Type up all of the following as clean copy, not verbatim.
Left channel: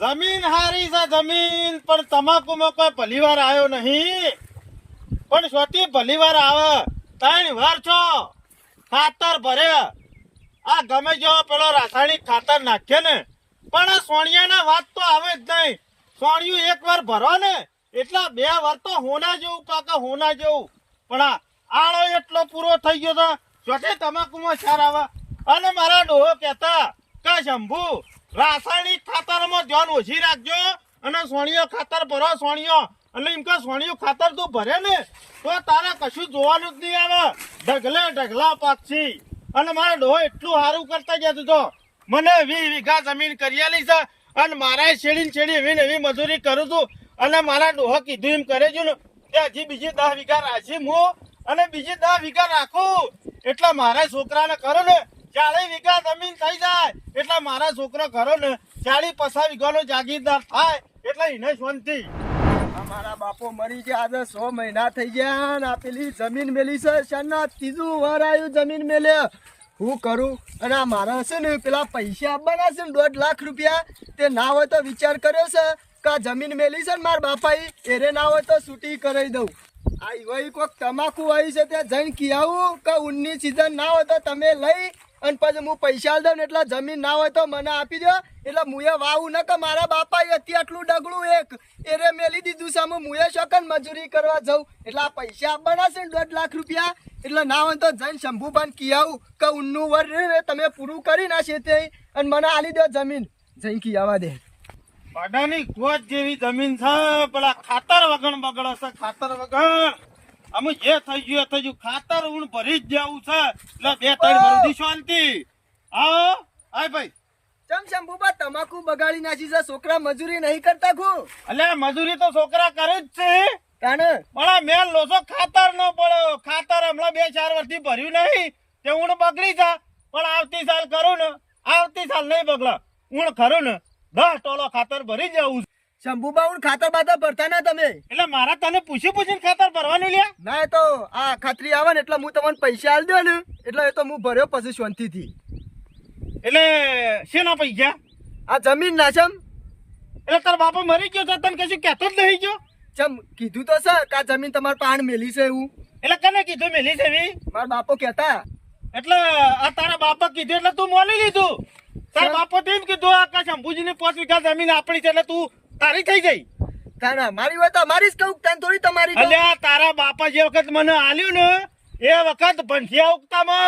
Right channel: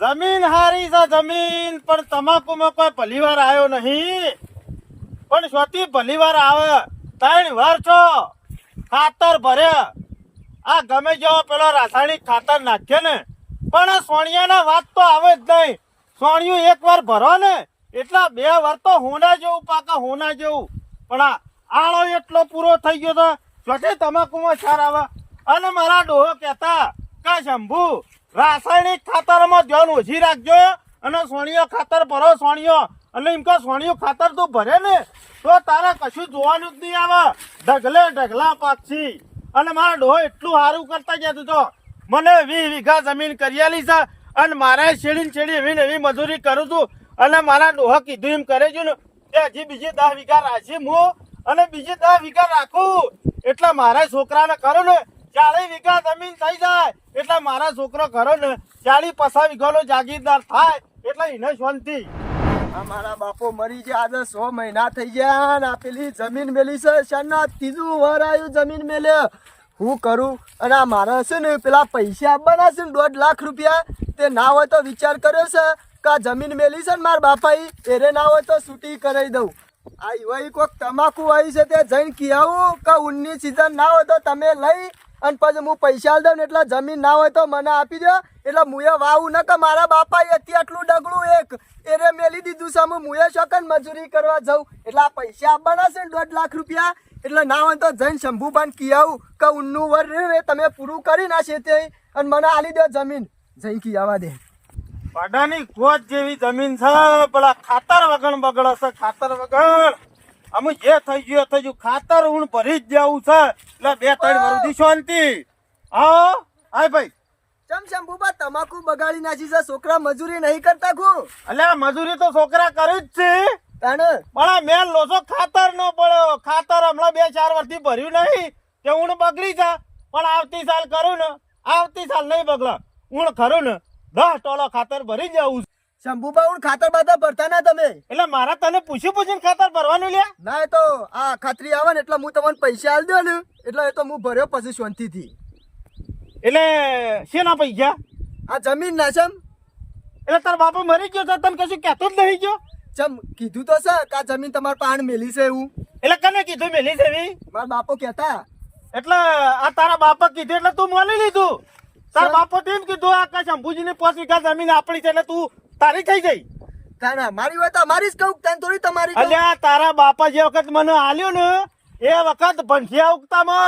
જમીન હારી છે જમીન, પણ તમાકુમાં કોઈ ભલીવાર આવ્યો નહીં. પણ સ્વતી ભલીવાર આવે. 3 વાર છો ખાતર ભર્યા, આ ગમે જેવો પેલો રાસાયણિક ખાતર નાખે ને, પણ સોણિયાના વાત તો આવે જ નહીં. સોણિયું 1 વાર ભરો ને એટલા 2 વાર તો હોના જેવું પાકે, હોના જેવું. પણ આ આળો એટલો પૂરો થઈ ગયો તો સ્વતી તમાકુમાં સાર આવે. અને મારા ડોહો કહેતા કે શંભુ રાસાયણિક ખાતરમાં ધ્યાન ઓછી રાખજો અને સોણિયો ખાતર ભરો. સોણિયો એટલે એમ કે સોણિયું ખાતર તું ભરે ને તો તારે કશું જોવાનું જ નહીં આવે, ઢગલે ઢગલા પાકશી. અને મારા ડોહો એટલું સારું કરતા જતું તો મને 20 વીઘા જમીન કરિયાલી છે અને મારા છેડી એવી મજૂરી કરું છું. અને મારા ડોહો કીધું એમ કરે છે ને કે હજી બીજી 10 વીઘા રાખી હું અને બીજી 10 વીઘા રાખું એટલે મારા છોકરાને કરો ને 40 વીઘા જમીન થઈ જાય એટલે મારા છોકરો કરો ને 40-50 વીઘાનો જાગીરદાર થાય એટલે એને શાંતિ. મારા બાપો મરી ગયા આજે 100 મહિના થઈ ગયા ને પેલી જમીન મેલી છે શાના 3જું વાર આવ્યું જમીન મેલે. હું કરું? અને આ મારા છે ને પેલા પૈસા આપવાના છે ને 1.5 લાખ રૂપિયા, તે ના હોય તો વિચાર કર્યો છે કે આ જમીન મેલી છે ને મારા બાપાઈ એરે ના હોય તો છૂટી કરાવી દઉં. આ વહી કોઈક તમાકુ આવી છે તે જઈને કહેવું કે ઊનની સિઝન ના હોય તો તમે લઈ અને પછી હું પૈસા દઉં ને એટલે જમીન ના હોય તો મને આપી દો એટલે મુએ વાવું ને કે મારા બાપાએ અત્યારે આટલું ડગલું એક એરે મેલી દીધું છે મુએ શકન મજૂરી કરવા જાઉં એટલે આ પૈસા આપવાના છે ને 1.5 લાખ રૂપિયા. એટલે ના હોય તો જઈને શંભુભાઈને કહેવું કે ઊનનું વર તમે પૂરું કરી નાખશે તે અને મને આલી દો જમીન. જઈને કહેવા દે પાડાની કોચ જેવી જમીન છે, પેલા ખાતર વગર બગડે છે, ખાતર વગર. અમે જે થઈ ગયું ખાતર ઊણ ભરી જ જવું છે એટલે 2-3 વર્ષથી શાંતિ. હા આય ભાઈ. ચમ શંભુભા તમાકુ બગાડી નાખી છે, છોકરા મજૂરી નહીં કરતા ખુ? અલ્યા મજૂરી તો છોકરા કર્યું જ છે તાને પણ મેં લોસો ખાતર નો પડ્યો. ખાતર હમણાં 2-4 વર્ષથી ભર્યું નહીં તે ઊણ બગડી છે. પણ આવતી સાલ કરું ને, આવતી સાલ નહીં બગડે. ઊણ ખરું ને 10 ટોલો ખાતર ભરી જવું. શંભુભા હું ખાતર બાતર ભરતા ના તમે? એટલે મારા તને પૂછીને ખાતર ભરવાનું લ્યા. ના એ તો આ ખાતરી આવે ને એટલે હું તમને પૈસા આલી દઉં ને એટલે એ તો હું ભર્યો પછી શાંતિથી. એટલે શેના પૈસા? આ જમીન ના ચમ એટલે તારા બાપા મરી ગયો તો તને કશું કહેતો જ નહીં ગયો? ચમ કીધું તો છે કે આ જમીન તમારા પાણ મેલી છે એવું. એટલે કને કીધું મેલી છે એવી? મારા બાપો કહેતા. એટલે આ તારા બાપા કીધું એટલે તું મોલી લીધું? તારા બાપો તેમ કીધું આ કે શંભુજીની 5 વીઘા જમીન આપણી છે એટલે તું તારી થઈ ગઈ? તારા મારી હોય તો મારી જ કહું, તને થોડી તમારી. અલ્યા તારા બાપા જે વખત મને આલ્યું ને એ વખત ભંઠિયા ઉગતા મય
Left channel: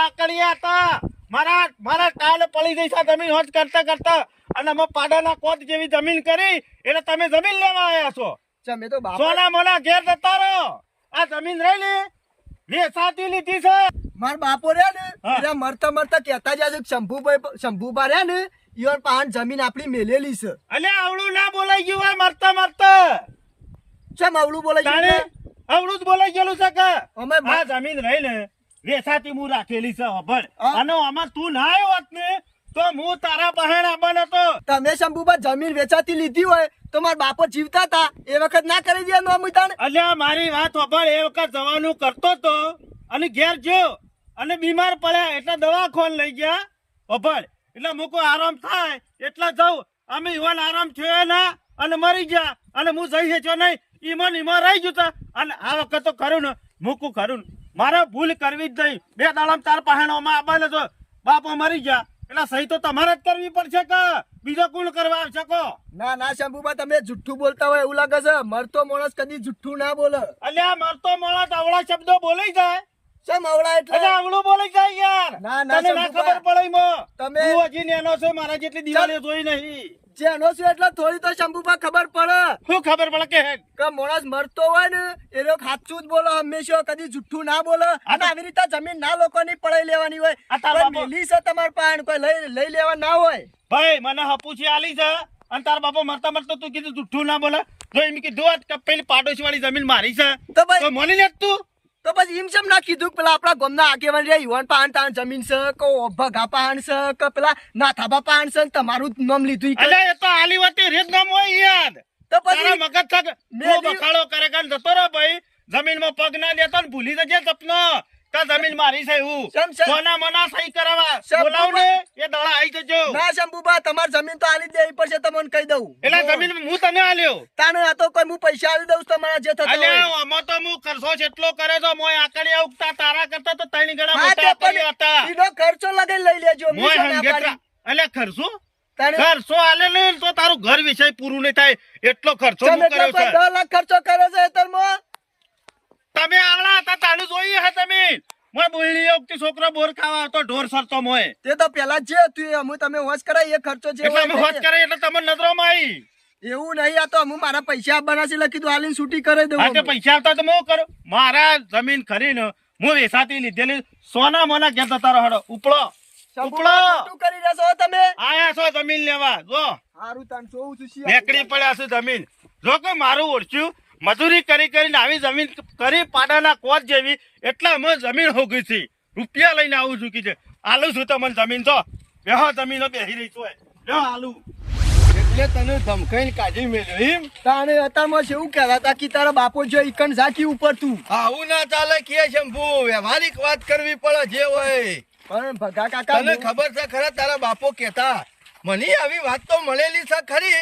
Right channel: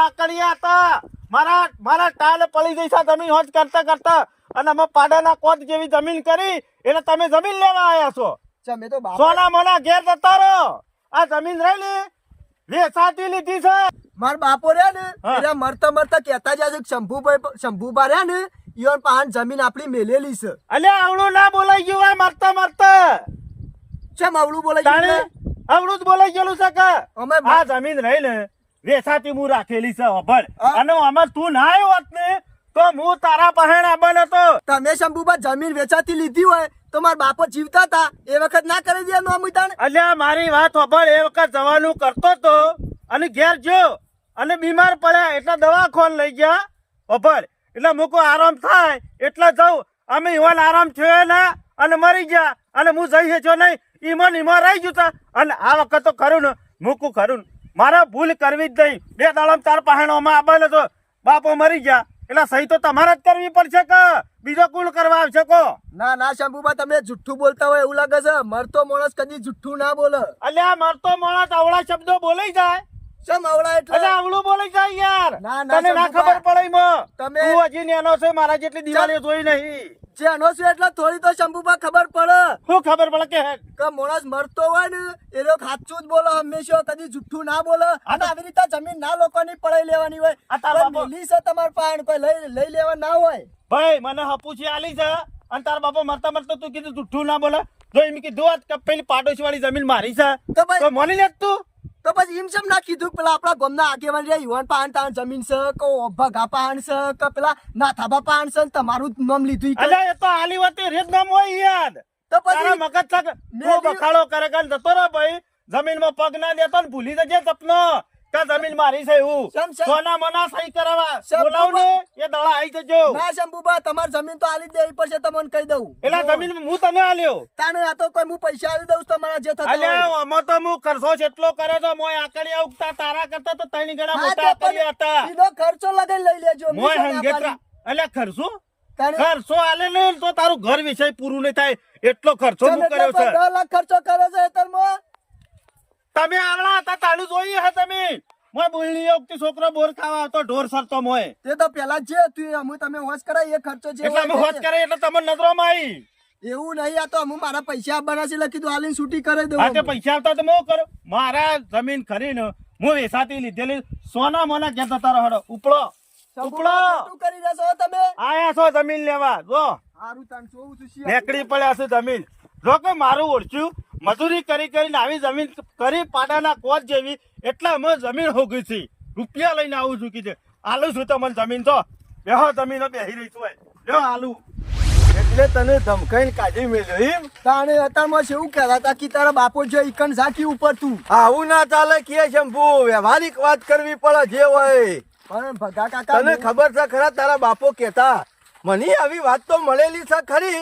આકડિયા હતા. મારા ટાલ પડી ગઈ છે જમીન હોજ કરતા કરતા અને અમે પાડાના કોટ જેવી જમીન કરી એટલે તમે જમીન લેવા આવ્યા છો. ચમ એ તો બાપા સોના મોના ઘેર જતા રહો. આ જમીન રહી ને વેચાતી લીધી છે. મારા બાપો રે ને એટલે મરતા મરતા કહેતા જાય શંભુભા રે ને ઈવન પાણ જમીન આપણી મેલેલી છે. અલ્યા આવડું ના બોલાઈ ગયું હોય મરતા મરતા. ચમ આવડું બોલાઈ ગયું? આવડું જ બોલાઈ ગયેલું છે કે અમે આ જમીન રહી ને વેચાતી હું રાખેલી છે ખબર. અને આમાં તું ના આવ્યો હોત ને તો હું તારા પહેણ આવવાનો હતો. તમે શંભુભા જમીન વેચાતી લીધી હોય તો મારા બાપો જીવતા હતા એ વખત ના કરી દે નો અમિતાણ. અલ્યા મારી વાત ખબર એ વખત જવાનું કરતો તો અને ઘેર જો અને બીમાર પડ્યા એટલે દવાખાન લઈ ગયા ખબર. એટલે મૂકો આરામ થાય એટલે જાઉં. અમે ઈવન આરામ થયો ના અને મરી ગયા અને હું જઈ હેચ્યો નહીં ઈમાં રહી ગયું. અને આ વખત તો ખરું ને મૂકું ખરું ને મારે ભૂલ કરવી જ નહીં. 2 દાડમ તાર પહેણોમાં આવવાનો તો બાપો મરી ગયા એટલે સહી તો તમારે જ કરવી પડશે કે બીજો કોણ કરવા આવશે કો? ના ના શંભુભા તમે જુઠ્ઠું બોલતા હોય એવું લાગે છે. મરતો માણસ કદી જુઠ્ઠું ના બોલે. અલ્યા મરતો માણસ અવળા શબ્દો બોલાઈ જાય. ચમ આવડા એટલે આવડું બોલાઈ જાય યાર. ના ના તને ના ખબર પડે તમે તું હજી નેનો છે મારા જેટલી દિવાળીઓ જોઈ નહીં. જેનો છે એટલે થોડી તો શંભુભા ખબર પડે. શું ખબર પડે કે માણસ મરતો હોય ને એ લોકો સાચું જ બોલે હંમેશા, કદી જુઠ્ઠું ના બોલે. અને આવી રીતે જમીન ના લોકોની પડાઈ લેવાની હોય. મેલી છે તમાર પાસે કોઈ લઈ લેવા ના હોય. ભાઈ મને હપુછી આલી છે અને તાર બાપા મરતા મરતા તું કીધું જુઠ્ઠું ના બોલે. જો એમ કીધું કે પેલી પાડોશી વાળી જમીન મારી છે તો ભાઈ તો મોની લે તું. તો પછી એમ ના કીધું પેલા આપણા ગામના આગેવાન રે યુવાન પાન તાન જમીન છે કો ભગા પાન છે કે પેલા નાથાબા પાન છે તમારું નામ લીધું. અલ્યા એ તો આલી વાતી રેત નામ હોય યાર. તો તારા પછી મગજ છે બખાડો કરે કાન જતો રહે ભાઈ. જમીનમાં પગ ના લેતો ને ભૂલી જજે સપનો કે જમીન મારી છે એવું શેમ, શેમ? સોના મના સહી કરાવવા શેમ, બોલાવ ને એ દાડા આવી જજો ના શંભુબા તમાર જમીન તો આલી જ દેવી પડશે તમને કહી દઉં એટલે જમીન હું તને આલ્યો તાને આ તો કોઈ હું પૈસા આલી દઉં તમારા જે થતા હોય. અલ્યા આમાં તો હું ખર્ચો જેટલો કરે તો મોય આકડિયા ઉગતા તારા કરતા તો ત્રણ ગણા હા, મોટા તે પણ આકડિયા હતા એનો ખર્ચો લગાઈ લઈ લેજો મોય મીઠો ના હંગેતરા પાડી. અલ્યા ખર્ચો તાને ખર્ચો આલે ને તો તારું ઘર વિષય પૂરું નહીં થાય એટલો ખર્ચો ચમ હું એટલે કર્યો છે 10 લાખ ખર્ચો કરે છે હેતરમાં? તમે આવડા હતા તાળું જોઈએ હે તમે મોય બોલણી વખતે છોકરો બોર ખાવા આવતો ઢોર સરતો મોય તે તો પેલા જ છે તું અમે તમે હોશ કરાય એ ખર્ચો જે એટલે હોય અમે હોત તે. કરે એટલે તમને નજરોમાં આવી એવું નહીં આ તો અમે મારા પૈસા આપવાના છે એટલે કીધું આલીને છૂટી કરી દઉં હા તે અમે. પૈસા આવતા તો હું કરું મારા જમીન ખરીને હું વેસાતી લીધેલી સોના મોના ઘેર જતા રહો ઉપડો શંભુબા, ઉપડો ખોટું કરી રહ્યા છો તમે આયા છો જમીન લેવા જો હારું તને જોઉં છું શિયા. નેકડી પડ્યા છે જમીન જો કે મારું ઓળખ્યું મજૂરી કરી કરીને આવી જમીન કરી પાડાના કોટ જેવી એટલે અમે જમીન હોગી છે રૂપિયા લઈને આવું છું કીધે આલું છું તમને જમીન તો બેહો જમીનો બેહી રહી છું બેહો આલું એટલે તને ધમકાઈને કાઢી મેલ્યો એમ તાણે અત્યારમાં છે એવું કહેતા હતા કે તારા બાપો જો ઈકણ ઝાંકી ઉપર તું આવું ના ચાલે કે શંભુ વ્યવહારિક વાત કરવી પડે જે હોય પણ ભગા કાકા તને ખબર છે ખરા તારા બાપો કેતા મને આવી વાત તો મળેલી છે ખરી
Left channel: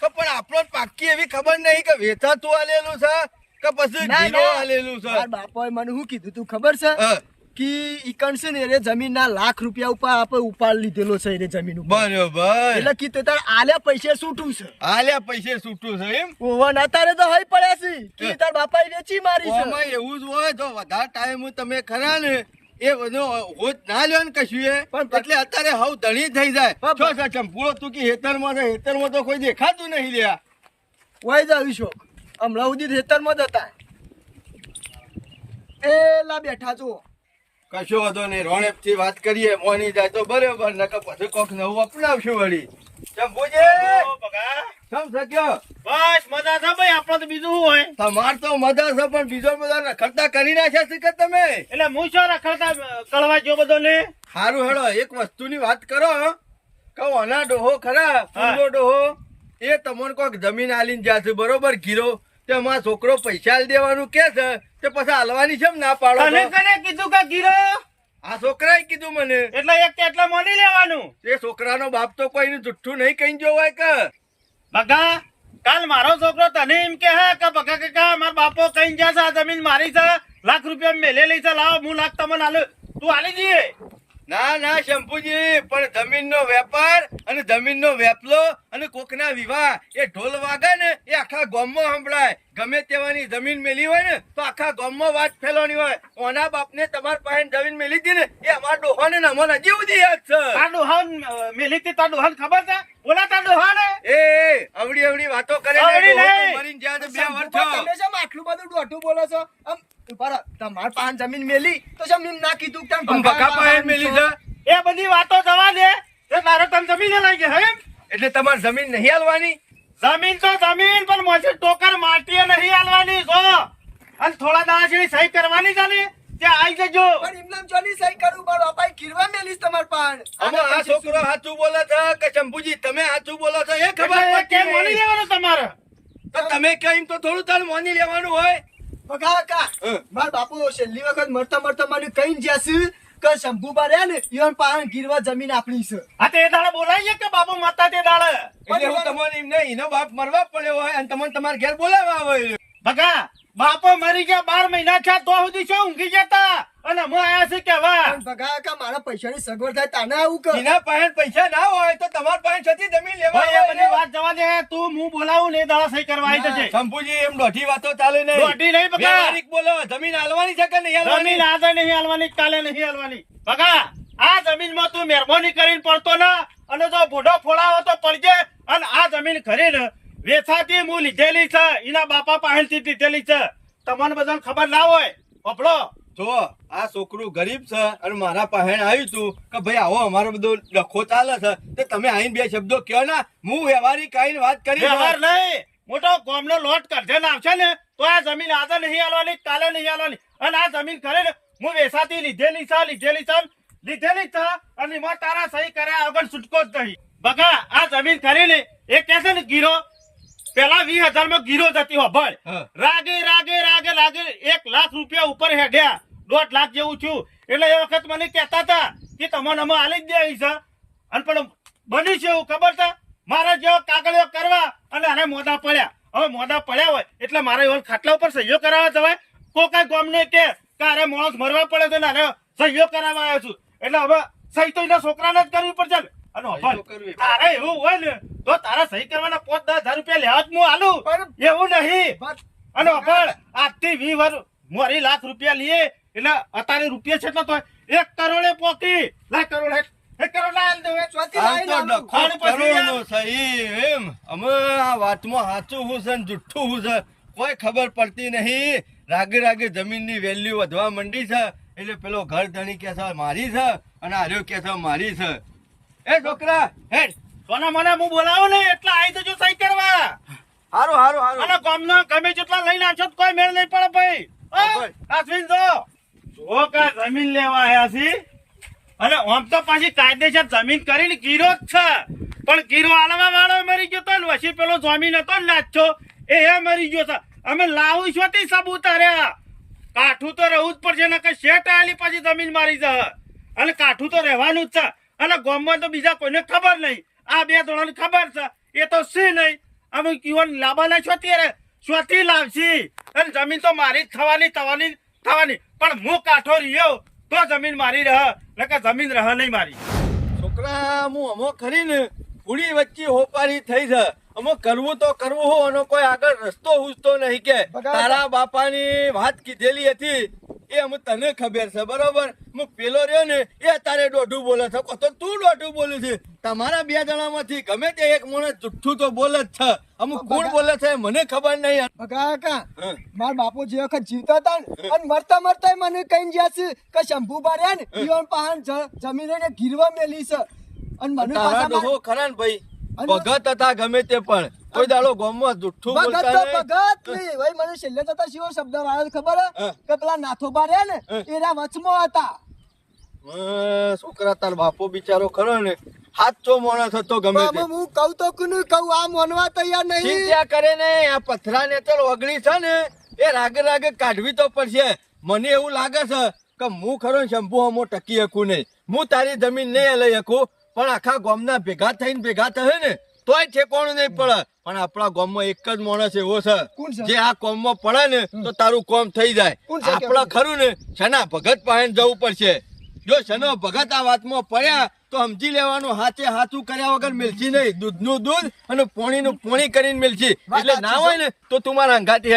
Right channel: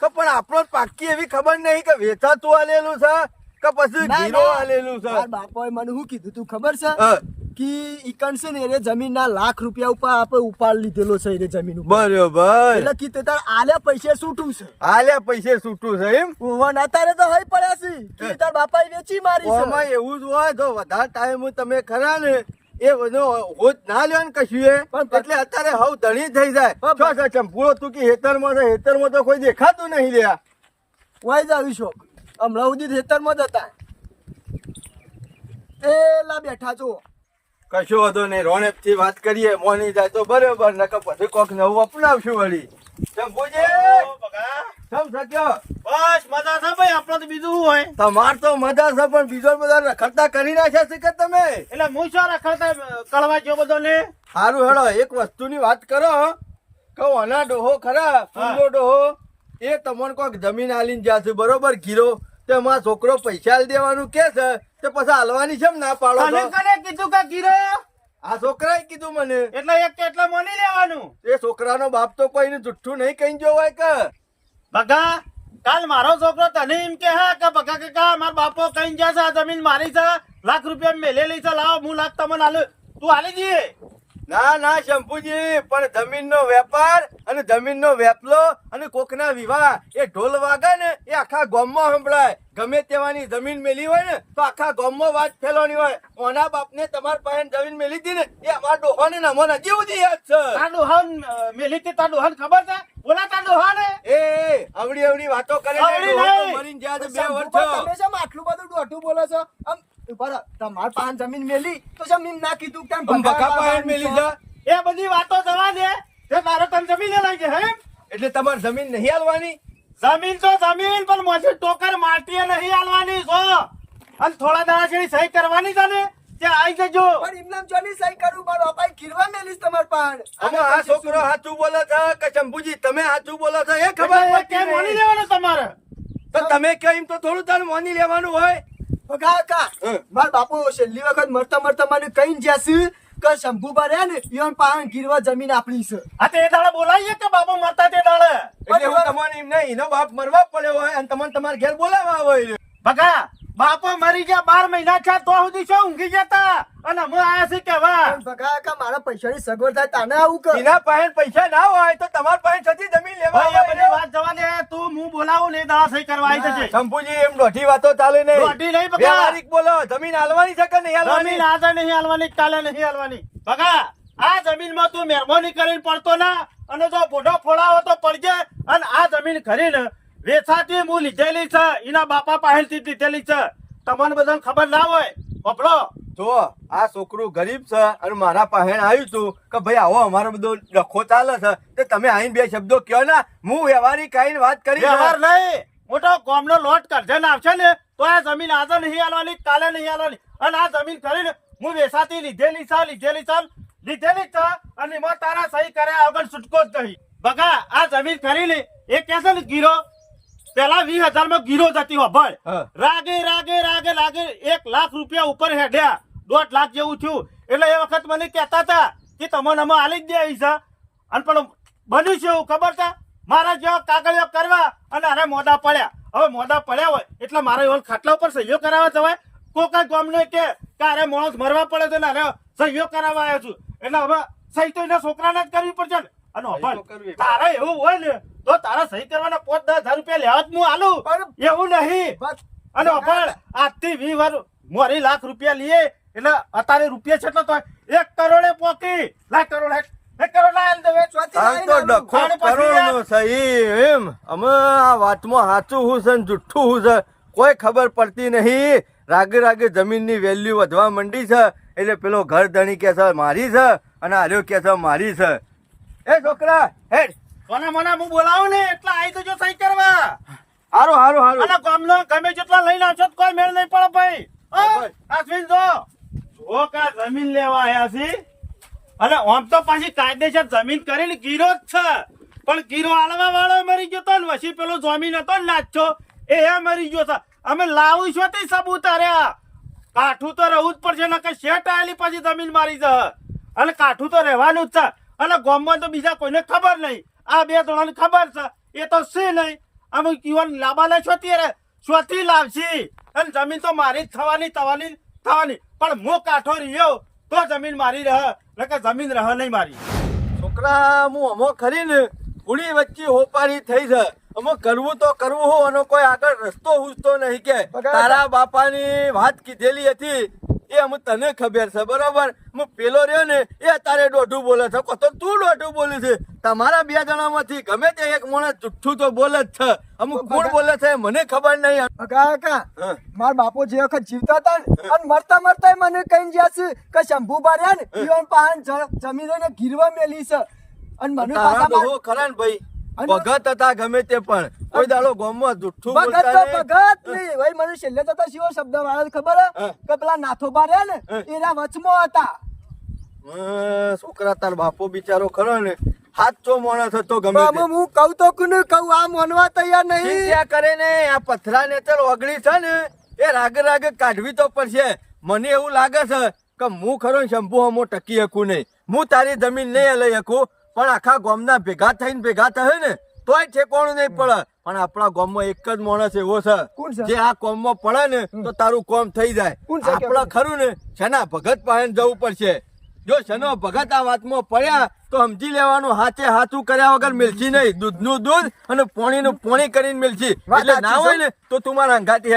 કે પણ આપણો પાક્કી એવી ખબર નહીં કે વેચાતું આલેલું છે કે પછી ના, ગીરો ના. આલેલું છે મારા બાપોએ મને શું કીધું તું ખબર છે હા, કે ઈકણ છે ને એ જમીનના લાખ રૂપિયા ઉપર આપણે ઉપાડ લીધેલો છે એ જમીન ઉપર બરોબર એટલે કીધું તાર આલ્યા પૈસે છૂટું છે આલ્યા પૈસે છૂટું છે એમ ઓવન અત્યારે તો હોય પડ્યા છે કે તાર બાપાએ વેચી મારી છે ઓમાં એવું જ હોય તો વધારે ટાઈમ તમે ખરા ને એ બધો હોજ ના લ્યો ને કશું એ પણ- એટલે અત્યારે હવ ધણી થઈ જાય પણ- છો છો ચંપુડો તું કે હેતરમાં તો કોઈ દેખાતું નહીં લ્યા વહી જાવી શોખ હમણાં સુધી ખેતરમાં જ હતા એ લા બેઠા છો કશો વાંધો નહીં રોણેપ થી વાત કરીએ મોની જાય તો બરોબર નકર પછી કોક નવું અપનાવશું વળી ચંપુજી સમ શક્યો બસ મજા છે ભાઈ આપણે તો બીજું શું હોય તમાર તો મજા છે પણ બીજો બધા રખડતા કરી નાખ્યા છે કે તમે એટલે હું શું રખડતા કળવા જો બધો ને સારું હેડો એક વસ્તુની વાત કરો કહો અના ડોહો ખરા ફૂલો ડોહો એ તમને કોઈક જમીન આલીને જ્યાં છે બરોબર ગીરો તે અમારા છોકરો પૈસા આલી દેવાનું કે છે તે પછી હાલવાની છે ના પાડો તને છો? કને કીધું કે ગીરો આ છોકરાએ કીધું મને એટલે એક કે એટલે માની લેવાનું એ છોકરાનો બાપ તો કોઈનું જુઠ્ઠું નહીં કહી જો હોય કે બગા કાલ મારો છોકરો તને એમ કે હે કે બગા કાકા મારા બાપો કઈ ગયા છે આ જમીન મારી છે લાખ રૂપિયા મેલેલી છે લાવો હું લાખ તમને આલું તું આલી જઈએ ના ના શંભુજી પણ જમીનનો વેપાર અને જમીનનો વેપલો અને કોકના વિવાહ એ ઢોલ વાગે ને એ આખા ગામમાં સંભળાય ગમે તેવાની જમીન મેલી હોય ને તો આખા ગામમાં વાત ફેલવાની હોય ઓના બાપને તમારા પાસે જમીન મેલી હતી ને એ અમારા ડોહાને ને અમને હજી સુધી યાદ છે તારું હન મેલી તે તારું હન ખબર છે બોલા તારું હન એ અવડી અવડી વાતો કરે ને અવળી ડોહો તો નહીં. મરીને જ્યાં છે 2 શંભુબા, વર્ષ તમે શેમ આટલું બધું દોઢું બોલો છો આમ ઉભા રહો. તમાર પાંચ જમીન મેલી તો શેમ એમ ના કીધું કે તમે ભગા પાસે મેલી છે એ બધી વાતો જવા દે તે તારો તને જમીન લઈ ગયા હે એટલે તમારે જમીન નહીં હાલવાની જમીન તો જમીન પણ મોજી ટોકર માટીએ નહીં આલવાની છો અને થોડા દાડા જેવી સહી કરવાની છે ને ત્યાં આવી જજો પણ એમનામ જોની સહી કરું મારો બાપાએ ગીરવા મેલીશ તમાર પાન અમે આ છોકરો સાચું બોલે છે કે શંભુજી તમે સાચું બોલો છો એ ખબર એટલે એ પડતી કેમ માની નહીં. લેવાનું તમારે તો તમે કેમ તો થોડું તારે માની લેવાનું હોય ભગા કાકા માર બાપુ છેલ્લી વખત મરતા મરતા મને કઈ જ્યાસી કે શંભુબા રહ્યા ને ઈવન પાન ગીરવા જમીન આપણી છે હા તે દાડે બોલાવીએ કે બાપુ મરતા તે દાડે એટલે હું તમને એમ નહીં એનો બાપ મરવા પડ્યો હોય અને તમને તમારા ઘેર બોલાવવા હોય બગા બાપો મરી ગયા 12 મહિના થયા તો સુધી શું ઊંઘી જતા અને હું આયા છે કેવા પણ ભગા કાકા મારા પૈસાની સગવડ થાય તાને આવું કે એના પાસે પૈસા ના હોય તો તમારા પાસે છતી જમીન લેવા ભાઈ એ બધી આવે. વાત જવા દે તું હું બોલાવું ને દાડા સહી કરવા આવી જશે શંભુજી એમ દોઢી વાતો ચાલે નહીં દોઢી નહીં બકા. વ્યવહારિક બોલો જમીન હાલવાની છે કે નહીં હાલવાની જમીન આજે નહીં હાલવાની કાલે નહીં હાલવાની બગા આ જમીનમાં તું મહેરબાની કરીને પડતો ના અને જો બોઢો ફોડાવો તો પડજે અને આ જમીન ખરીને વેચાતી હું લીધેલી છે એના બાપા પાસેથી લીધેલી છે તમને બધાને ખબર ના હોય પપડો જો આ છોકરું ગરીબ છે અને મારા પાસે આવ્યું તું કે ભાઈ આવો અમારો બધો ડખો ચાલે છે તે તમે આઈને 2 શબ્દો કયો ના હું વ્યવહારિક આઈને વાત કરી વ્યવહાર નહીં મોટો ગામનો લોટ કરજણ આવશે ને તો આ જમીન આજે નહીં હાલવાની કાલે નહીં હાલવાની અને આ જમીન ખરીને હું વેચાતી લીધેલી છે અને એમાં તારા સહી કર્યા વગર છૂટકો જ નહીં બગા આ જમીન ખરીને એ કહે છે ને ગીરો પેલા 20,000 માં ગીરો જતી હોભળ હા. રાગે 1 લાખ રૂપિયા ઉપર હેડ્યા 1.5 લાખ જેવું થયું. એટલે એ વખત મને કહેતા હતા કે તમને અમે આલી જ દેવી છે. અને પણ બન્યું છે એવું ખબર છે, મારા જેવા કાગળિયો કરવા અને આને મોઢા પડ્યા. હવે મોઢા પડ્યા હોય એટલે મારે એવો ખાટલા ઉપર સહીઓ કરાવવા જવાય. કોઈ ગામને કે અરે માણસ મરવા પડે તો આને સહીઓ કરાવવા આવ્યો છું. એટલે હવે સહી તો એના છોકરાને જ કરવી પડશે ને. અને કરવી. તારે એવું હોય ને તો તારા સહી કરવાના 5-10 હજાર રૂપિયા લેવા જ હું આલું. એવું નહીં. અને પણ આજથી 20 વર્ષ મોરી લાખ રૂપિયા લઈએ એટલે અત્યારે રૂપિયા છે તો 1 કરોડે પોકી. લાખ કરોડ 1 કરોડ ના આલી દેવે. આમ તો ડખો કરોડનો છે એમ. અમે આ વાતમાં સાચું હું છે ને જુઠ્ઠું હું છે કોઈ ખબર પડતી નહીં. રાગે રાગે જમીનની વેલ્યુ વધવા માંડી છે એટલે પેલો ઘર ધણી કે છે મારી છે અને આર્યો કે છે મારી છે. એ છોકરા હેડ કોના મને હું બોલાવું ને એટલે આવી જજો સહી કરવા. હારું હારું હારું. અને ગામનો ગમે જેટલા લઈને આવશો તો કોઈ મેળ નહીં પડે ભાઈ. અશ્વિન જો કે જમીન લેવા આવ્યા છે અને આમ તો પાછી કાયદેસર જમીન કરીને ગીરો જ છે. પણ ગીરો આલવા વાળો મરી ગયો તો ને પછી પેલો જમીન હતો ને નાચો એ મરી ગયો છે. અમે લાવું છું તે સબૂત અર્યા. કાઠું તો રહેવું જ પડશે ને કે શેઠ આલી પછી જમીન મારી છે અને કાઠું તો રહેવાનું જ છે. અને ગામમાં તો બીજા કોઈને ખબર નહીં. આ 2 જણાને ખબર છે એ તો છે નહીં. અમે કીવન લાવવાના છો ત્યારે શોથી લાવશી અને જમીન તો મારી જ થવાની. પણ હું કાઠો રહ્યો તો જમીન મારી રહે એટલે જમીન રહે નહીં મારી. છોકરા હું અમો ખરી ને પૂરી વચ્ચે હોપારી થઈ છે. અમે કરવું તો કરવું હું અને કોઈ આગળ રસ્તો હુજતો નહીં કે તારા બાપાની વાત કીધેલી હતી એ અમે તને ખબર છે બરોબર. હું પેલો રહ્યો ને એ તારે દોઢું બોલે છે તો તું દોઢું બોલે છે. તમારા 2 જણામાંથી ગમે તે એક માણસ જુઠ્ઠું તો બોલે જ છે. અમુક કોણ બોલે છે મને ખબર નહીં. કાકા મારા બાપુ જે વખત જીવતા હતા ને અને મરતા મને કઈ ગયા છે કે શંભુ બાર્યા ને ઈવન પાહન જમીન ને ગીરવા મેલી છે. અને મને તારા ડોહો ખરા ને ભાઈ ભગત હતા ગમે તે પણ કોઈ દાડો ગામમાં જુઠ્ઠું બોલતા નહીં. ભગત નહીં ભાઈ મને છેલ્લે તો શિવો શબ્દ વાળા ખબર કે પેલા નાથો બાર્યા ને એના વચમાં હતા. છોકરા તાર બાપો બિચારો ખરો ને સાચો માણસ હતો ગમે તે. હું કહું તો કોને કહું આ માનવા તૈયાર નહીં. ચિંતા કરે ને આ પથરા ને ચાલ ઓગળી છે ને એ રાગે કાઢવી તો પડશે. મને એવું લાગે છે કે હું ખરો ને શંભુ હમો ટકી શકું નહીં. હું તારી જમીન નહીં લઈ શકું પણ આખા ગામના ભેગા થશે ને તોય ઠેકાણું નહીં પડે. પણ આપણા ગામમાં એક જ માણસ એવો છે જે આ કોમમાં પડે ને તો તારું કોમ થઈ જાય. આપણા ખરું ને શના ભગત પાસે જવું પડશે. જો શનો ભગત આ વાતમાં પડ્યા તો સમજી લેવાનું હાથે હાથું કર્યા વગર મિલશે નહીં. દૂધનું દૂધ અને પાણીનું પાણી કરીને મિલશે. એટલે ના હોય ને તો તું મારા અંગાથી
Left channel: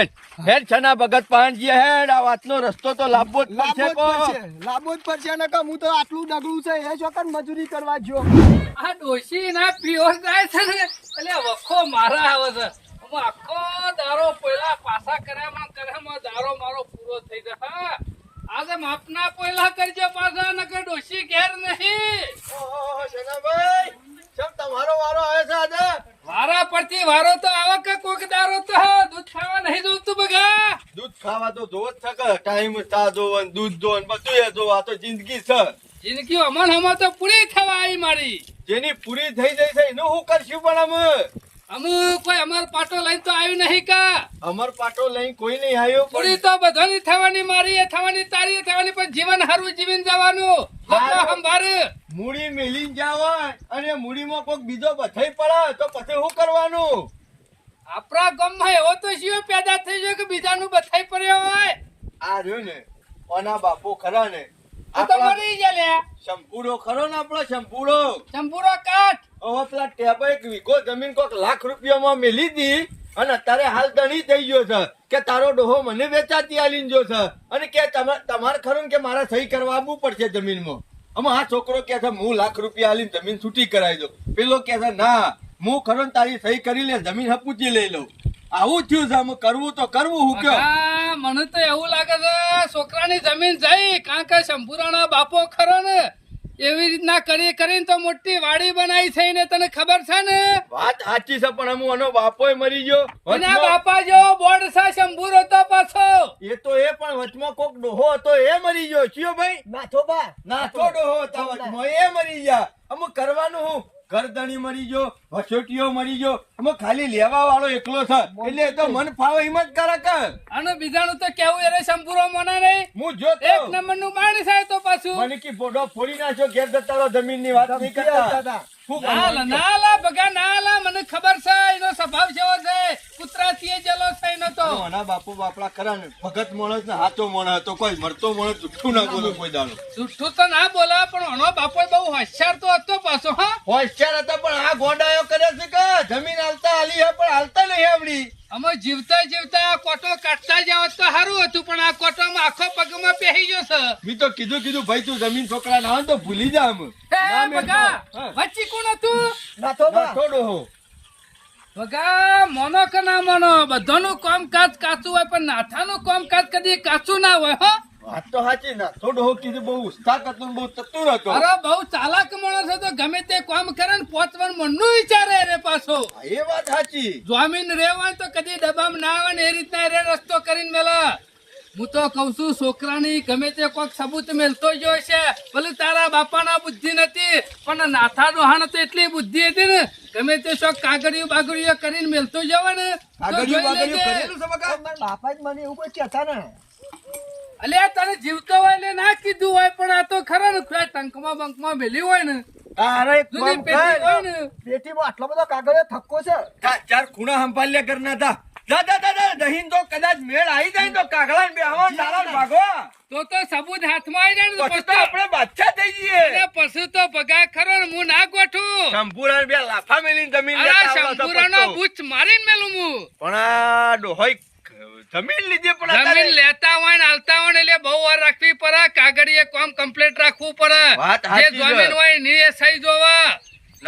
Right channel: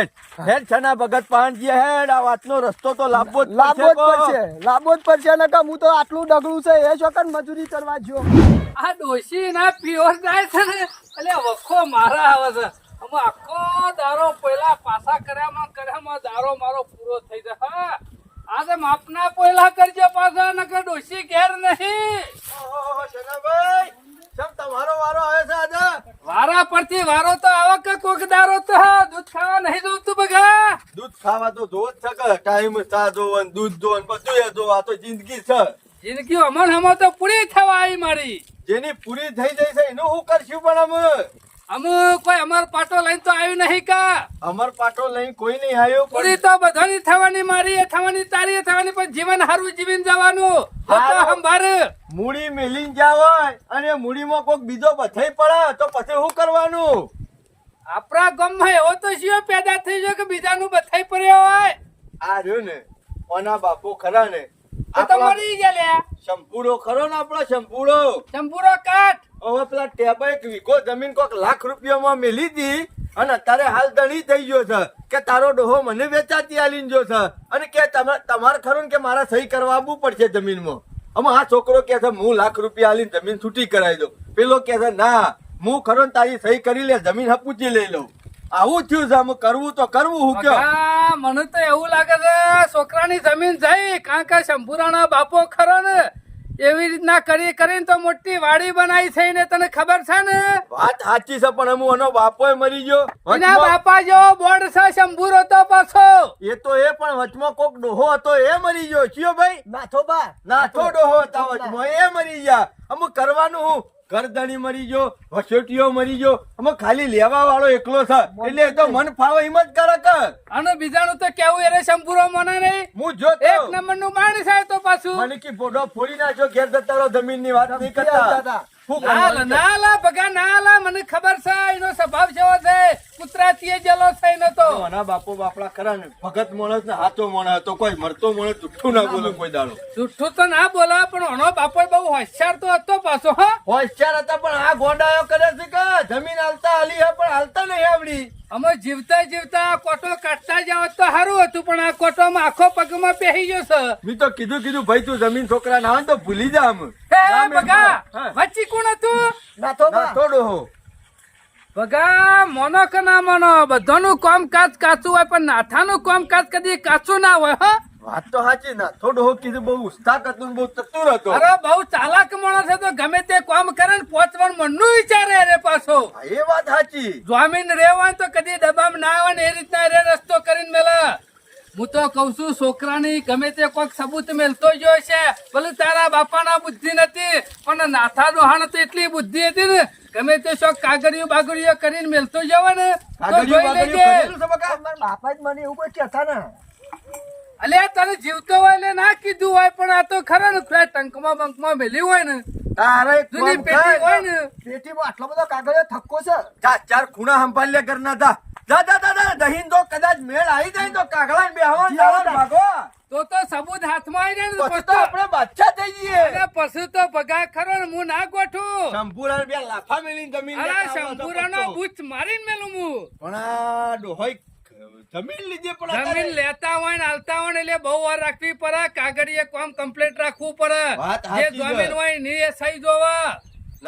હેડ છના ભગત પાનજી હેડ. આ વાતનો રસ્તો તો લાવવો જ પડશે ને કે હું તો આટલું ડગલું છે એ છોકર મજૂરી કરવા જો. આ ડોશી ના પ્યોર જાય છે ને એટલે વખો મારા આવે છે. અમે આખો દારો પહેલા પાછા કર્યામાં દારો મારો પૂરો થઈ જાય. હા આજે માપના પહેલા કરજો પાછા નકર ડોશી ઘેર નહીં. શનાભાઈ કેમ તમારો વારો આવે છે આજે? વારા પરથી વારો તો આવે કે કોક દારો તો દૂધ ખાવા નહીં જોતું બગા. દૂધ ખાવા તો જોવો જ છે કે ટાઈમ ચા જોવો ને દૂધ જોવો ને બધું એ જોવો. આ તો જિંદગી છે. જિંદગી અમન તો પૂરી થવા આવી મારી. જેની પૂરી થઈ જાય છે એનું શું કરશું? પણ અમે કોઈ અમાર પાટો લઈને તો આવ્યું નહીં કા. અમર પાટો લઈ કોઈ નહીં આવ્યો. પૂરી તો બધાની થવાની મારી એ થવાની તારી એ થવાની પણ જીવન હારું જીવીને જવાનું. મૂડી મેલીને જાવ અને મૂડીમાં કોઈક બીજો બથાઈ પડે તો પછી શું કરવાનું? આપણા ગામમાં એવો તો શિયો પેદા થઈ ગયો કે બીજાનું બથાઈ પડ્યો હોય. આ રહ્યો ને ઓના બાપુ ખરા ને તો મરી ગયા લે. શંભુડો ખરો ને આપણો શંભુડો કાટ. હવે પેલા ટેબા 1 વીઘો જમીન કોઈક લાખ રૂપિયામાં મેલી દી અને અત્યારે હાલ ધણી થઈ ગયો છે કે તારો ડોહો મને વેચાતી આલીને જો છે અને કે તમારે ખરું કે મારા સહી કરવા આવવું પડશે જમીનમાં. અમે આ છોકરો કે છે હું લાખ રૂપિયા આલીને જમીન છૂટી કરાવી દઉં. પેલો કે છે ના હું ખરો તારી સહી કરી લે જમીન હપૂચી લઈ લઉં. આવું થયું છે. અમે કરવું તો કરવું હું કયો. મને તો એવું લાગે છે છોકરાની જમીન જઈ કારણ કે શંભુરાના બાપો ખરો ને એવી રીતના કરીને તો મોટી વાડી બનાવી છે ને તને ખબર છે ને? વાત સાચી છે પણ અમુ એનો બાપો મરી ગયો. એના બાપા જેવો બોર્ડ છે શંભુરો તો પાછો. એ તો એ પણ વચમાં કોક ડોહો હતો એ મરી ગયો. ચિયો ભાઈ? નાથો ડોહો હતા વચમાં એ મરી ગયા. અમુ કરવાનું હું કરધણી મરી ગયો, વસોટીઓ મરી ગયો, અમે ખાલી લેવા વાળો એકલો છે. એટલે એ તો મન ફાવે એમ જ કરે કે. આનો બીજાનું તો કેવું એને શંભુરો મને નહીં. હું જોતો એક નંબર નું માણસ છે તો પાછું. મને કી ફોટો ફોડી નાખ્યો ઘેર જતા રહો, જમીનની વાત નહીં કરતા. શું ના કરવાનું છે? ના લા ભગા ના લા, મને ખબર છે એનો સ્વભાવ કેવો છે. કૂતરાથી જલો છે એનો તો. આના બાપો બાપડા ખરા ને, ભગત માણસ ને હાચો માણસ હતો, કોઈ મરતો માણસ જુઠ્ઠું ના બોલે કોઈ દાડો. જુઠ્ઠું તો ના બોલા, પણ આનો બાપો બહુ હોશિયાર તો હતો પાછો. હા, હોશિયાર હતા પણ આ ગોડાયો કરે છે કે જમીન હાલતા હાલી હે પણ હાલતા નહીં આવડી. અમે જીવતા જીવતા કોટો કાઢતા જાવ તો સારું હતું, પણ આ કોટોમાં આખો પગમાં બેસી ગયો છે. મેં તો કીધું ભાઈ તું જમીન છોકરા ના હોય તો ભૂલી જા આમ. હે નામ એમ ભગા, હા. વચ્ચી કોણ હતું? નાથો બા. ના થોડો હો. ભગા મોનો કે ના મોનો, બધાનું કામકાજ કાચું હોય, પણ નાથાનું કામકાજ કદી કાચું ના હોય. હા, વાત તો સાચી ના થોડો હો કીધું, બહુ ઉસ્તાક હતો ને બહુ ચતુર હતો. અરે બહુ ચાલાક માણસ છે, તો ગમે તે કામ કરે ને પોચવાનું મનનું વિચારે રે પાછો. હા, એ વાત સાચી. જમીન રેવાય તો કદી દબામ ના આવે ને એ રીતના રે રસ્તો કરીને મેલે. હું તો કઉ છું છોકરાની ગમે તે કોઈક સબૂત મેલતો જ હોય છે. ભલે તારા બાપાના બુદ્ધિ નથી, પણ નાથા ડોહાણ તો એટલી બુદ્ધિ હતી ને, ગમે તે શોખ કાગળિયું બાગળિયું કરીને મેલતો જવા ને તો કાગળિયું જોઈ બાગળિયું લેજે. કરેલું છે બકા? મારા બાપા જ મને એવું કોઈ કહેતા ને. અલ્યા તને જીવતો હોય ને ના કીધું હોય, પણ આ તો ખરા ને પેલા ટંકમાં બંકમાં મેલી હોય ને, તારે એક જૂની કામ પેટી હોય કર. ને. પેટીમાં આટલો બધો કાગળિયો થક્કો છે. ચાર ખૂણા સંભાળ્યા કરના હતા. દાદા દહીં તો કદાચ મેળ આવી જાય ને તો કાગડા ને બેહવાન તારા ભાગો. તો સબૂત હાથમાં આવી જાય ને પછી તો તો આપણે બાદશાહ થઈ જઈએ. અને પછી તો ભગા ખરો ને હું ના ગોઠું. શંભુરાને બે લાફા મેલીને જમીન અરે લેતા આવવા શંભુરાનો તો બૂચ મારીને મેલું હું. પણ આ ડોહોઈ જમીન લીધી પણ જમીન અત્યારે લેતા હોય ને હાલતા હોય ને એટલે બહુ વાર રાખવી પડે. કાગળિયે કામ કમ્પ્લીટ રાખવું પડે. વાત જે સાચી છે. જમીન હોય ની એ સહી જોવા.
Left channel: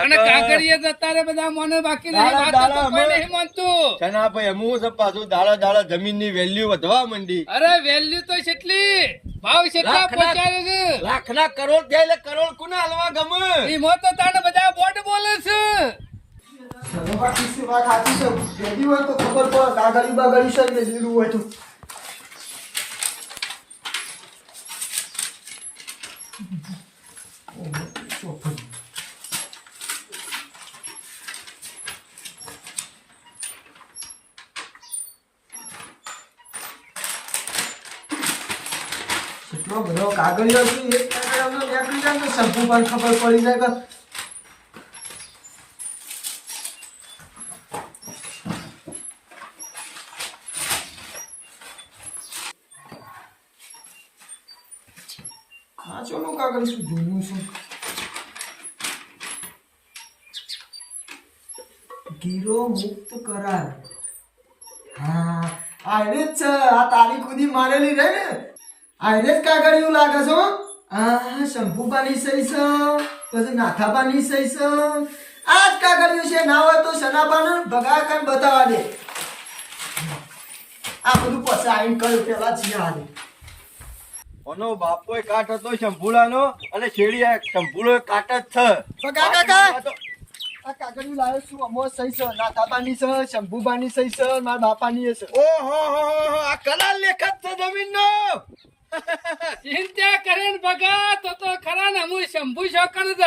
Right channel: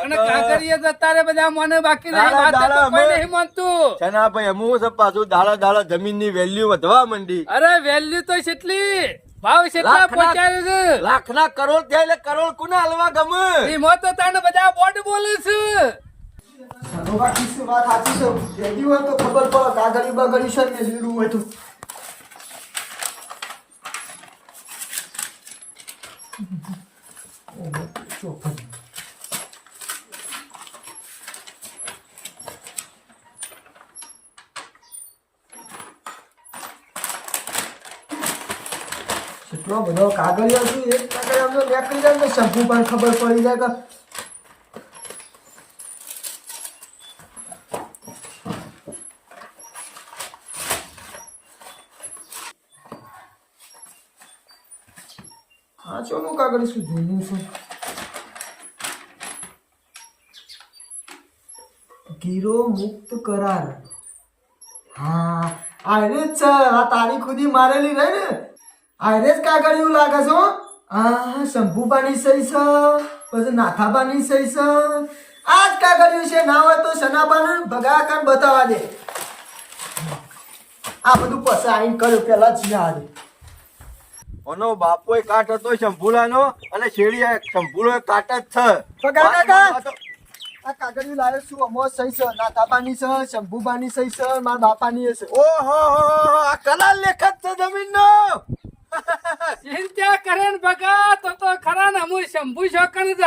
અને નકર કાગળિયે જતા રે બધા મને બાકી નહીં. દાડા વાત તો દાડા કોઈ અમે- નહીં માનતું. છના ભાઈ અમુક છે પાછું દાડા જમીનની વેલ્યુ વધવા માંડી. અરે વેલ્યુ તો કેટલી ભાવ કેટલા લાખના- પહોંચાડે છે. લાખના કરોડ થાય એટલે કરોડ કોને હાલવા ગમે? એમાં તો તને બધા બોર્ડ બોલે છે. સરોબા કિસ્સી વાત સાચી છે. ભેગી હોય તો ખબર પડે કાગળિયું બાગળિયું છે ને લીલું હોય તો. એટલો બધો કાગળિયો છે, એક કાગળ અમને નીકળી જાય ને શંભુ પણ ખબર પડી જાય કે કાચોનું કાગળ શું જૂનું છે. ગીરો મુક્ત કરાર. હા આને જ છે. આ તારીખ સુધી મારેલી રહે ને આને જ કાગળ એવું લાગે છે. આ શંભુબાની સહી છે, પછી નાથાબાની સહી છે. આ જ કાગળિયું છે. ના હોય તો સનાબાને ભગાકાન બતાવવા દે. આ બધું પછી આઈને કર્યું પેલા જ યાદ. ઓનો બાપોય કાટ હતો શંભુલાનો અને શેડીયા શંભુલો કાટ જ છે. પગા કાકા. આ કાગળિયું લાવ્યો છું. અમો સહી છે, નાથાબાની છે, શંભુબાની સહી છે, મારા બાપાની છે. ઓહો આ કલા લેખક છે જમીનનો. ચિંતા કરે ને ભગા તો ખરા ને હું શંભુ શોકન જ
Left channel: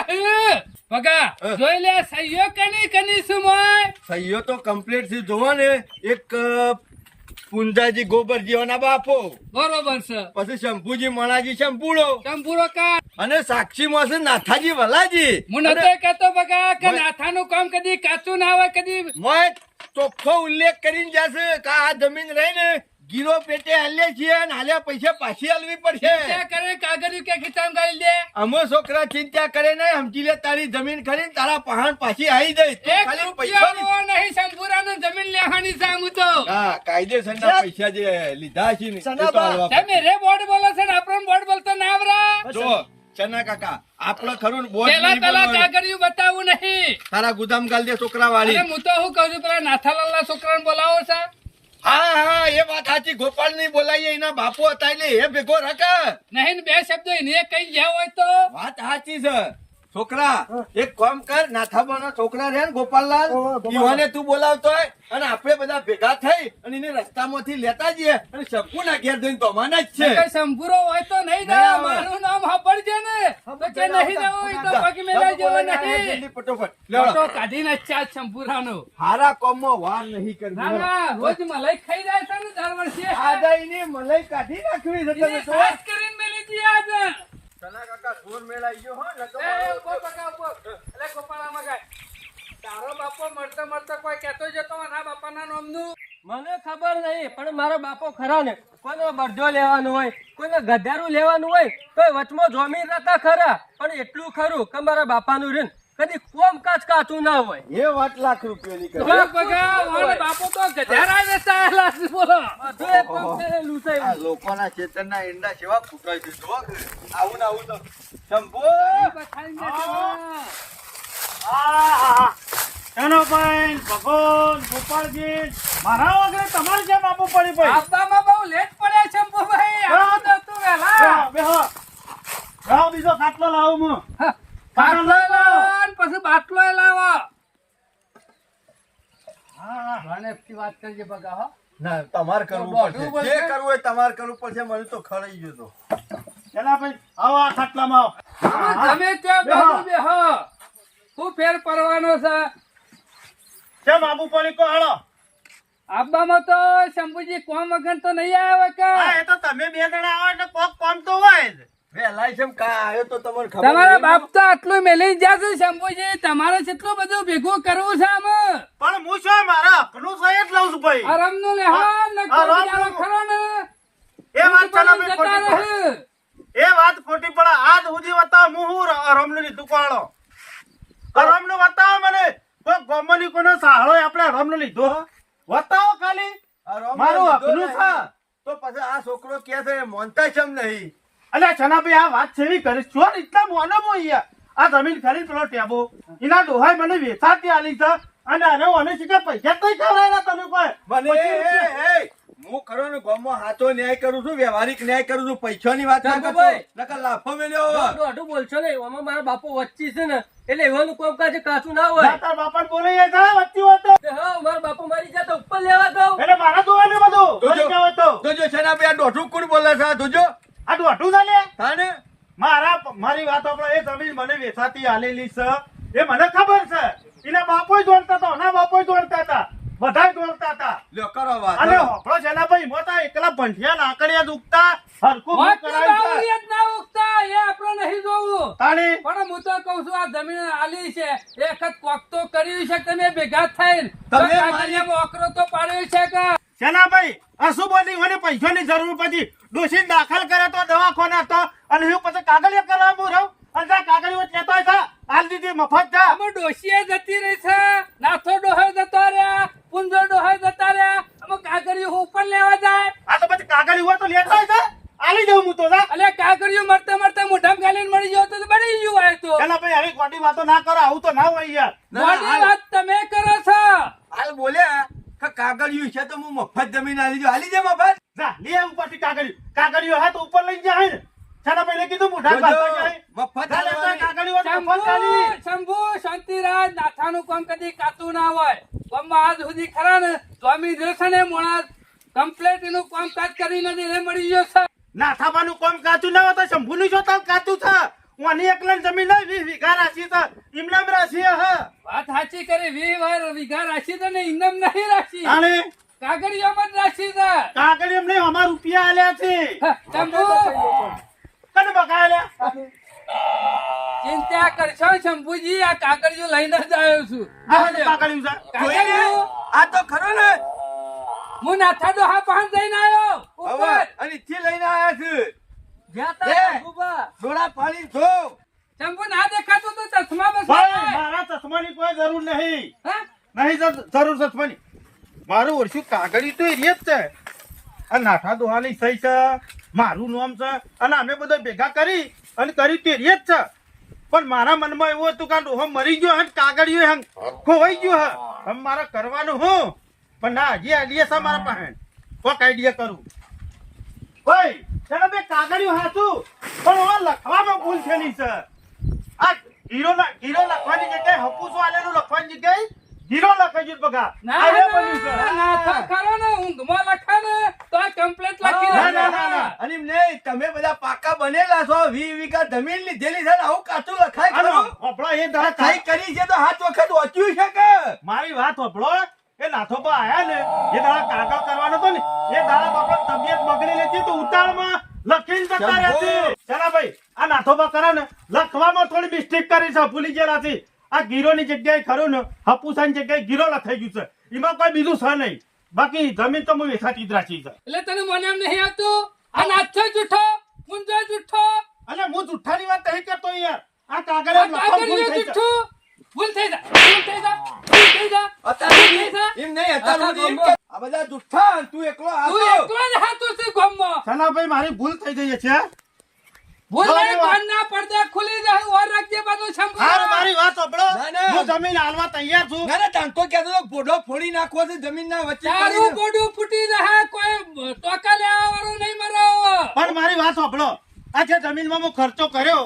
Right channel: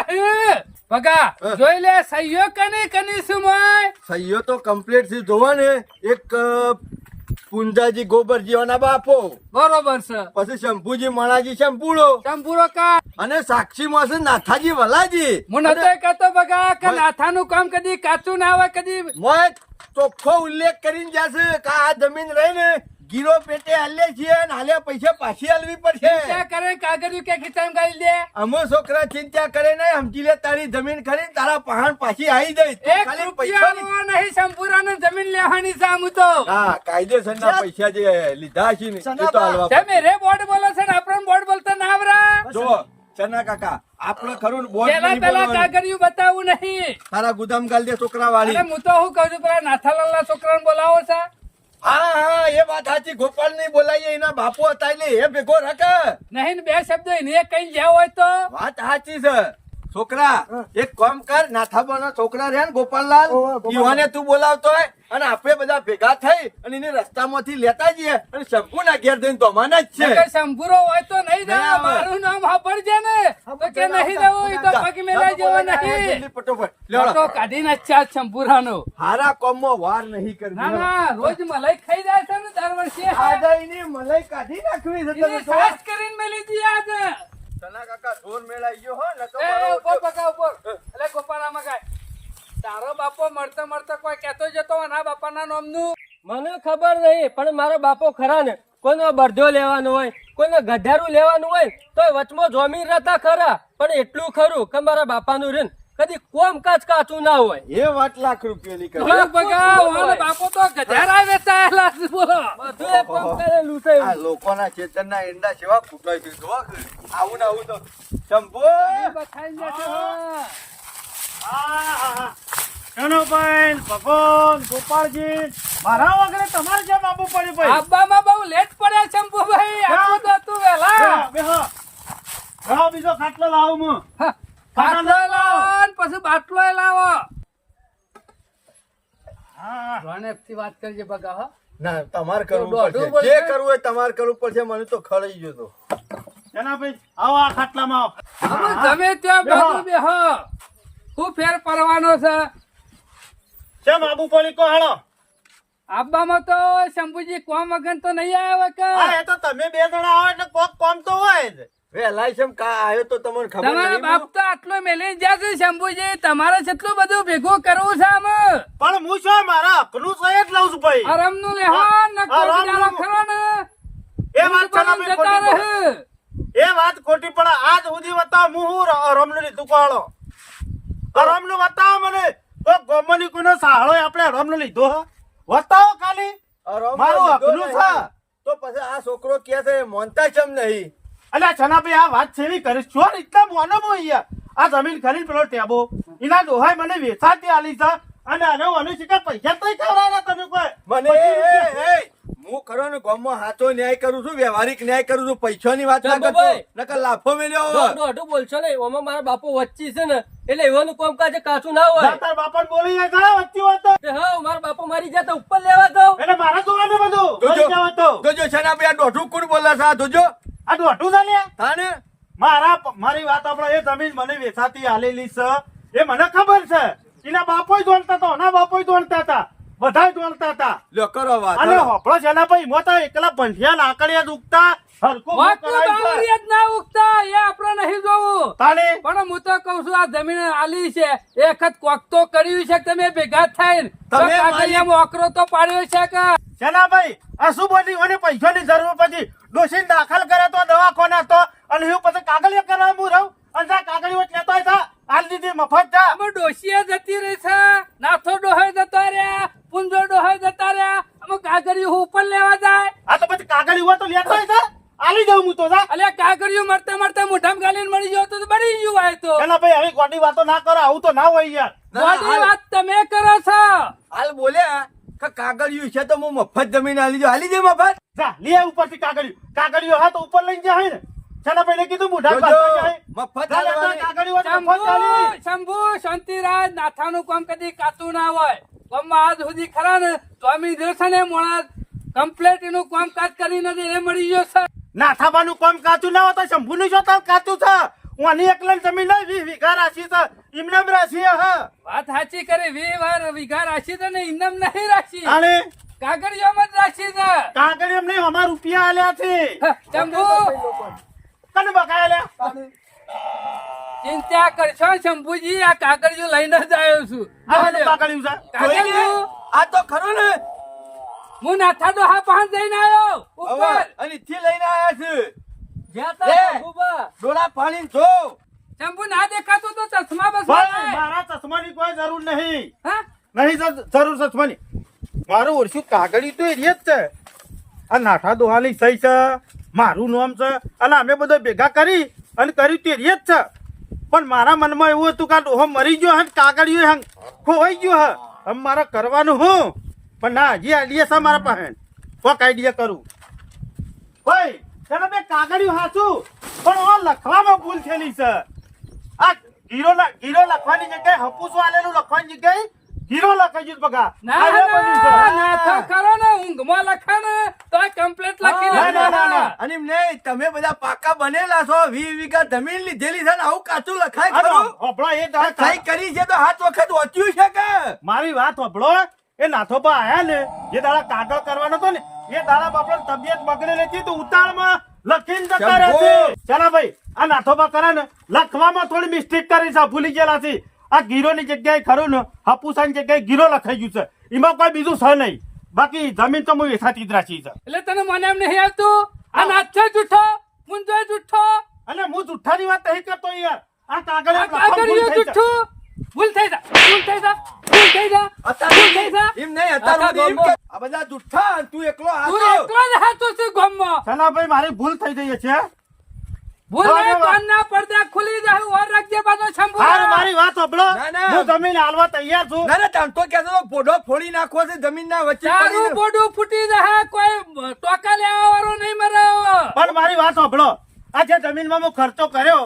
ભગા જોઈ લે સહીઓ કની શું મોય. સહીઓ તો કમ્પ્લીટ થી જોવા ને એક પુંજાજી ગોબરજીઓના બાપો, બરોબર છે. પછી શંભુજી મણાજી શંભુડો શંભુરો કા અને સાક્ષી માં છે નાથાજી વલાજી. હું નતો કહેતો ભગા કે નાથાનું કામ કદી કાચું ના હોય. કદી મોય ચોખ્ખો ઉલ્લેખ કરીને જશે કે આ જમીન રહી ને ગીરો પેટે હાલે છીએ અને હાલ્યા પૈસા પાછી હાલવી પડશે. ચિંતા કરે કાગળિયું કે ખીચામાં ગાળી દે. અમો છોકરા ચિંતા કરે નહીં, સમજી લે તારી જમીન ખરી તારા પહાણ પાછી આવી જાય. તું એક ખાલી રૂપિયા પૈસા નહીં શંભુરાનું જમીન લેવાની છે આમ તો. હા કાયદેસરના પૈસા જે લીધા છે ને એ તો હાલવા પડે. તમે રે બોર્ડ બોલો છે ને આપણો બોર્ડ બોલતો ના આવરા. જો ચના કાકા આપણે ખરું ને બોલ પેલા નહીં પેલા બોલવાનું. કાગળિયું બતાવવું નહીં. તારા ગુદામ ગાલ દે છોકરા વાળી. અરે હું તો શું કહું છું પેલા નાથાલાલના છોકરાને બોલાવો છે. હા એ વાત સાચી. ગોપાલ નહીં બોલાઈએ એના બાપુ હતા એટલે એ ભેગો રાખે. નહીં ને બે શબ્દો એને કઈ જ્યાં હોય તો વાત સાચી છે. છોકરા એક કામ કર, નાથાબાના છોકરા રહ્યા ને ગોપાલલાલ, ઈવાને તું બોલાવતો હોય અને આપણે બધા ભેગા થઈ અને એને રસ્તામાંથી લેતા જઈએ અને શંકુના ઘેર જઈને દોમાના જ છે. કોઈ શંભુરો હોય તો નહીં ના જાય. આવે. મારું નામ સાંભળજે ને તો કે નહીં જવું એ તો પગ મેલાઈ જેવો નહીં જલ્દી ફટોફટ લ્યો તો કાઢી નાખ્યા શંભુરાનો હારા કોમમાં વાર નહીં ના કરવી ના રોજ મલાઈ ખાઈ જાય છે ને દર વર્ષે આદાયની મલાઈ કાઢી નાખવી છે તમે એને તો ખાસ કરીને મેલી જી આજે સના કાકા જોર મેલાઈ ગયો હો નકો એ ઉપર પકા ઉપર એટલે ગોપાળા મગાય તારો બાપો મળતા મળતા કોઈ કહેતો જતો ના બાપાના નામનું મને ખબર નહીં પણ મારો બાપો ખરા ને કોઈનો બરધો લેવાનો હોય કોઈને ગઢારું લેવાનું હોય તો વચમાં જમીન રહેતા ખરા પણ એટલું ખરું કે મારા બાપાનું રે કદી કોમ કાચ કાચું ના હોય એ વાત લાખ રૂપિયાની કરી બગા વાળો બાપો તો ગધારા વેચાયેલા છે બોલો બધું એ કોમ કરેલું છે આ લોકોના ખેતરના ઈંડા સેવા કૂટાય છે જો આવું ને આવું તો શંભુ બખાઈ નાખો ચનોભાઈ ભગવાન ગોપાળજી મારા વગર તમારે કેમ આપવું પડી ભાઈ આબ્બામાં બહુ લેટ પડ્યા શંભુભાઈ આવું તો તું વેલા બેહો બેહો બીજો ખાટલો લાવું હું બાટલો લાવો ને પછી બાટલો લાવો હા રોનકથી વાત કરજે બગા હો ના તમારે કરવું દોઢું પડશે જે બોલશે? કરવું હોય તમારે કરવું પડશે મને તો ખડાઈ ગયો તો ચનાભાઈ આવો આ ખાટલામાં આવો. તમે ત્યાં બાજુ બેહો શું ફેર પડવાનો છે કેમ આબુ પોલી કો હાલો આબ્બામાં તો શંભુજી કોમ વગર તો નહીં આવ્યો કે હા એ તો તમે બે જણા આવો એટલે કોક કોમ તો હોય જ વેલાય છે કા આવ્યો તો તમને ખબર તમારા નહીં બાપ તો આટલું મેલી ગયા છે શંભુજી તમારે કેટલું બધું ભેગું કરવું છે આમાં પણ હું શું મારા હકનું છે જ લઉં છું ભાઈ આરામનું લેહાન નકો આરામનું. બિચારો ખરો ને એ વાત ચનાભાઈ જતા ખોટી રહે પડે. એ વાત ખોટી પડે આજ સુધી બતાવ હું રમનું લીધું કોળો રમનું બતાવ મને કોઈ ગોમની કોઈનો સહારો આપણે રમનું લીધો હો? બતાવો ખાલી આ રમનો મારું લીધો હકનું છે. નહીં. તો પછી આ છોકરો કે છે મોનતા કેમ નહીં અલ્યા છનાભાઈ આ વાત સેવી કરીશ છો એટલા મોનો બોયા આ જમીન ખરીદ પેલો ટેબો એના ડોહાઈ મને વેચાતી આલી છે અને હવે મને શીખે પૈસા તો ખવડાયેલા તમે કોઈ મને પછી એ હું કરો ને ગામમાં સાચો ન્યાય કરું છું વ્યવહારિક ન્યાય કરું છું પૈસાની વાત ના કરતો ચંદુભાઈ. નકર લાફો મેલ્યો દોઢું બોલશો ને એમાં મારા બાપો વચ્ચે છે ને એટલે એવાનું કોમ કાચ કાચું ના હોય તાર બાપાને બોલી જાય છે વચ્ચી વાત તે હા મારા બાપો મારી જાતે ઉપર લેવા દઉં એટલે મારા જોવાને બધું જોજો. બોલી જવા તો જોજો છે ને આપણે આ દોઢું કોણ બોલે છે આ જોજો આ દોઢું ના લે તાને મારી વાત આપણે એ જમીન મને વેચાતી આલેલી છે એ મને ખબર છે એના બાપોય દોડતા હતા એના બાપોય દોડતા હતા બધાય દોડતા હતા લ્યો કરો વાત અને હલો. હોપળો છે ભાઈ મોતા એકલા ભંઠિયા લાકડિયા જ ઉગતા હરખું મું વાતનું કરાય છે. બાવળિયા જ ના ઉગતા એ આપણે નહીં જોવું તાળી પણ હું તો કઉ છું આ જમીન આલી છે એક વખત કોક તો કર્યું છે કે તમે ભેગા થઈને તો તમે કાગળિયામાં ઓકરો તો પાડ્યો છે કે સેનાભાઈ આ શું બોલી મને પૈસાની જરૂર પછી ડોશીને દાખલ કરે તો દવાખાને હતો અને હું પછી કાગળિયા કરવા હું રહું અને ત્યાં કાગળિયો લેતો હતા હાલ દીધી મફત જા અમે ડોશીએ જતી રહી છે નાથો ડોહાઈ જતા રહ્યા પુંજો ડોહાઈ જતા રહ્યા અમે કાગળિયું ઉપર લેવા જાય આ તો પછી કાગળિયો હોય તો લેતો છે આલી જવું હું તો જા અલે કાગળિયું મળતા મળતા મોઢામાં ગાલીને મળી ગયો તો બળી ગયું હોય તો સેનાભાઈ હવે ખોટી વાતો ના કરો આવું તો ના હોય યાર મોટી વાત તમે કરો છો હાલ બોલ્યા કે કાગળિયું છે તો હું મફત જમીન આલી દઉં આલી દે મફત જા લે ઉપરથી કાગળિયો હે તો ઉપર લઈને જાય ને સેનાભાઈ ને કીધું મુઢા જોજો, પાસે જાય મફત જા લેતો આલવાની. કાગળિયો હોય તો મફત આલી. શંભુ શાંતિરાજ નાથાનું કામ કદી કાતું ના હોય કામમાં આજ સુધી ખરા ને સ્વામી દેશે ને મોણા કમ્પ્લેટ એનું કામ કાજ કરીને જ એને મળી ગયો છે નાથાબાનું કામ કાચું ના હોય તો શંભુનું જો તાર કાચું છે ઓની એકલા જમીન નહીં 20 વીઘા રાશી છે ઇમનામ રાશી હે વાત સાચી કરે 20 વાર વીઘા રાશી તો ને ઇનામ નહીં રાશી અને કાગળિયામાં જ રાશી છે કાગળિયો નહીં અમાર રૂપિયા આલ્યા છે શંભુ કને બકાયા ચિંતા કરશો શંભુજી આ કાગળિયું લઈને જ આવ્યો છું આ તો કાગળિયું છે કાગળિયું આ તો ખરો ને હું નાથા ડોહા પાંચ જઈને આવ્યો હવે ઉપર અને ઈથી લઈને આયા છે જ્યાં એ! તા શંભુબા. ડોળા પાણી જો શંભુ ના દેખાતું તો ચશ્મા બસ ભાઈ મારા ચશ્માની કોઈ જરૂર નહીં હા નહીં જરૂર ચશ્માની મારું ઓળખ્યું કાગળિયું તો એ જ છે આ નાથા દોહાની સહી છે મારું નામ છે અને અમે બધા ભેગા કરી અને કર્યું તે જ છે પણ મારા મનમાં એવું હતું કે આ ડોહો મરી ગયો હે ને કાગળિયું ખોવાઈ ગયો હે હવે મારે કરવાનું હું પણ ના હજી આઈડિયા છે મારા પાસે કોક આઈડિયા કરું ભાઈ ચાલો બે કાગળિયું હાચું પણ એમાં લખવામાં ભૂલ થયેલી છે આ ગીરો લખવાની જગ્યાએ હપુસો આલેલું લખવાની જગ્યાએ ગીરો લખાઈ ગયું બગા ના આ રે બધું છે. ના નાથા ખરો ને ઊંઘમાં લખે ને તોય કમ્પ્લીટ લખી ના, ના, ના, લે ના. અને એમ નહીં, તમે બધા પાકા બનેલા છો 20 વીઘા જમીન લીધેલી છે ને આવું કાચું લખાય અરે, ખરું? હોભળો, એ દાડા સહી કરી છે તો 7 વખત વાંચ્યું છે કે મારી વાત હોભળો, એ નાથોબા આયા ને એ દાડા કાગળ કરવાનો હતો ને એ દાડા બાપા તબિયત બગડેલી હતી તો ઉતાળમાં લખીને જતા રહ્યા છે. ચાલો ભાઈ, આ નાથોબા કરે ને લખવામાં થોડી મિસ્ટેક કરી છે, ભૂલી ગયેલા છે. આ ગીરોની જગ્યાએ ખરું ને હપુસાની જગ્યાએ ગીરો લખાઈ ગયું છે, એમાં કોઈ બીજું છે નહીં. બાકી જમીન તો હું વેચાતી જ રાખી છે. એટલે તને મને એમ નહીં આવતું આ નાચો જૂઠો મુંજો જૂઠો અને હું જુઠ્ઠાની વાત નહીં કરતો યાર, આ કાગળ આ કાગળિયો જૂઠું ભૂલ થઈ જા ભૂલ થઈ જા ભૂલ થઈ જા ભૂલ થઈ જા એમ નહીં, અત્યારે એમ કે આ બધા જુઠ્ઠા, તું એકલો તું હાચો. એકલો જ હાચો છે ગામમાં ચાલો ભાઈ, મારી ભૂલ થઈ ગઈ છે. ભૂલ નહીં બરાબર. કાનના પડદા ખુલી જાય ઓર રાખજે બાનો શંભુ હારું, મારી વાત હોભળો. ના, ના. હું જમીન હાલવા તૈયાર છું. ના ના તાનતો કહેતો તો ભોડો ફોડી નાખવો છે જમીનના વચ્ચે તારું પડીને. બોડું ફૂટી જાય કોઈ ટોકા લેવા વાળો નહીં મરાયો પણ મારી વાત હોભળો, આ જે જમીનમાં હું ખર્ચો કર્યો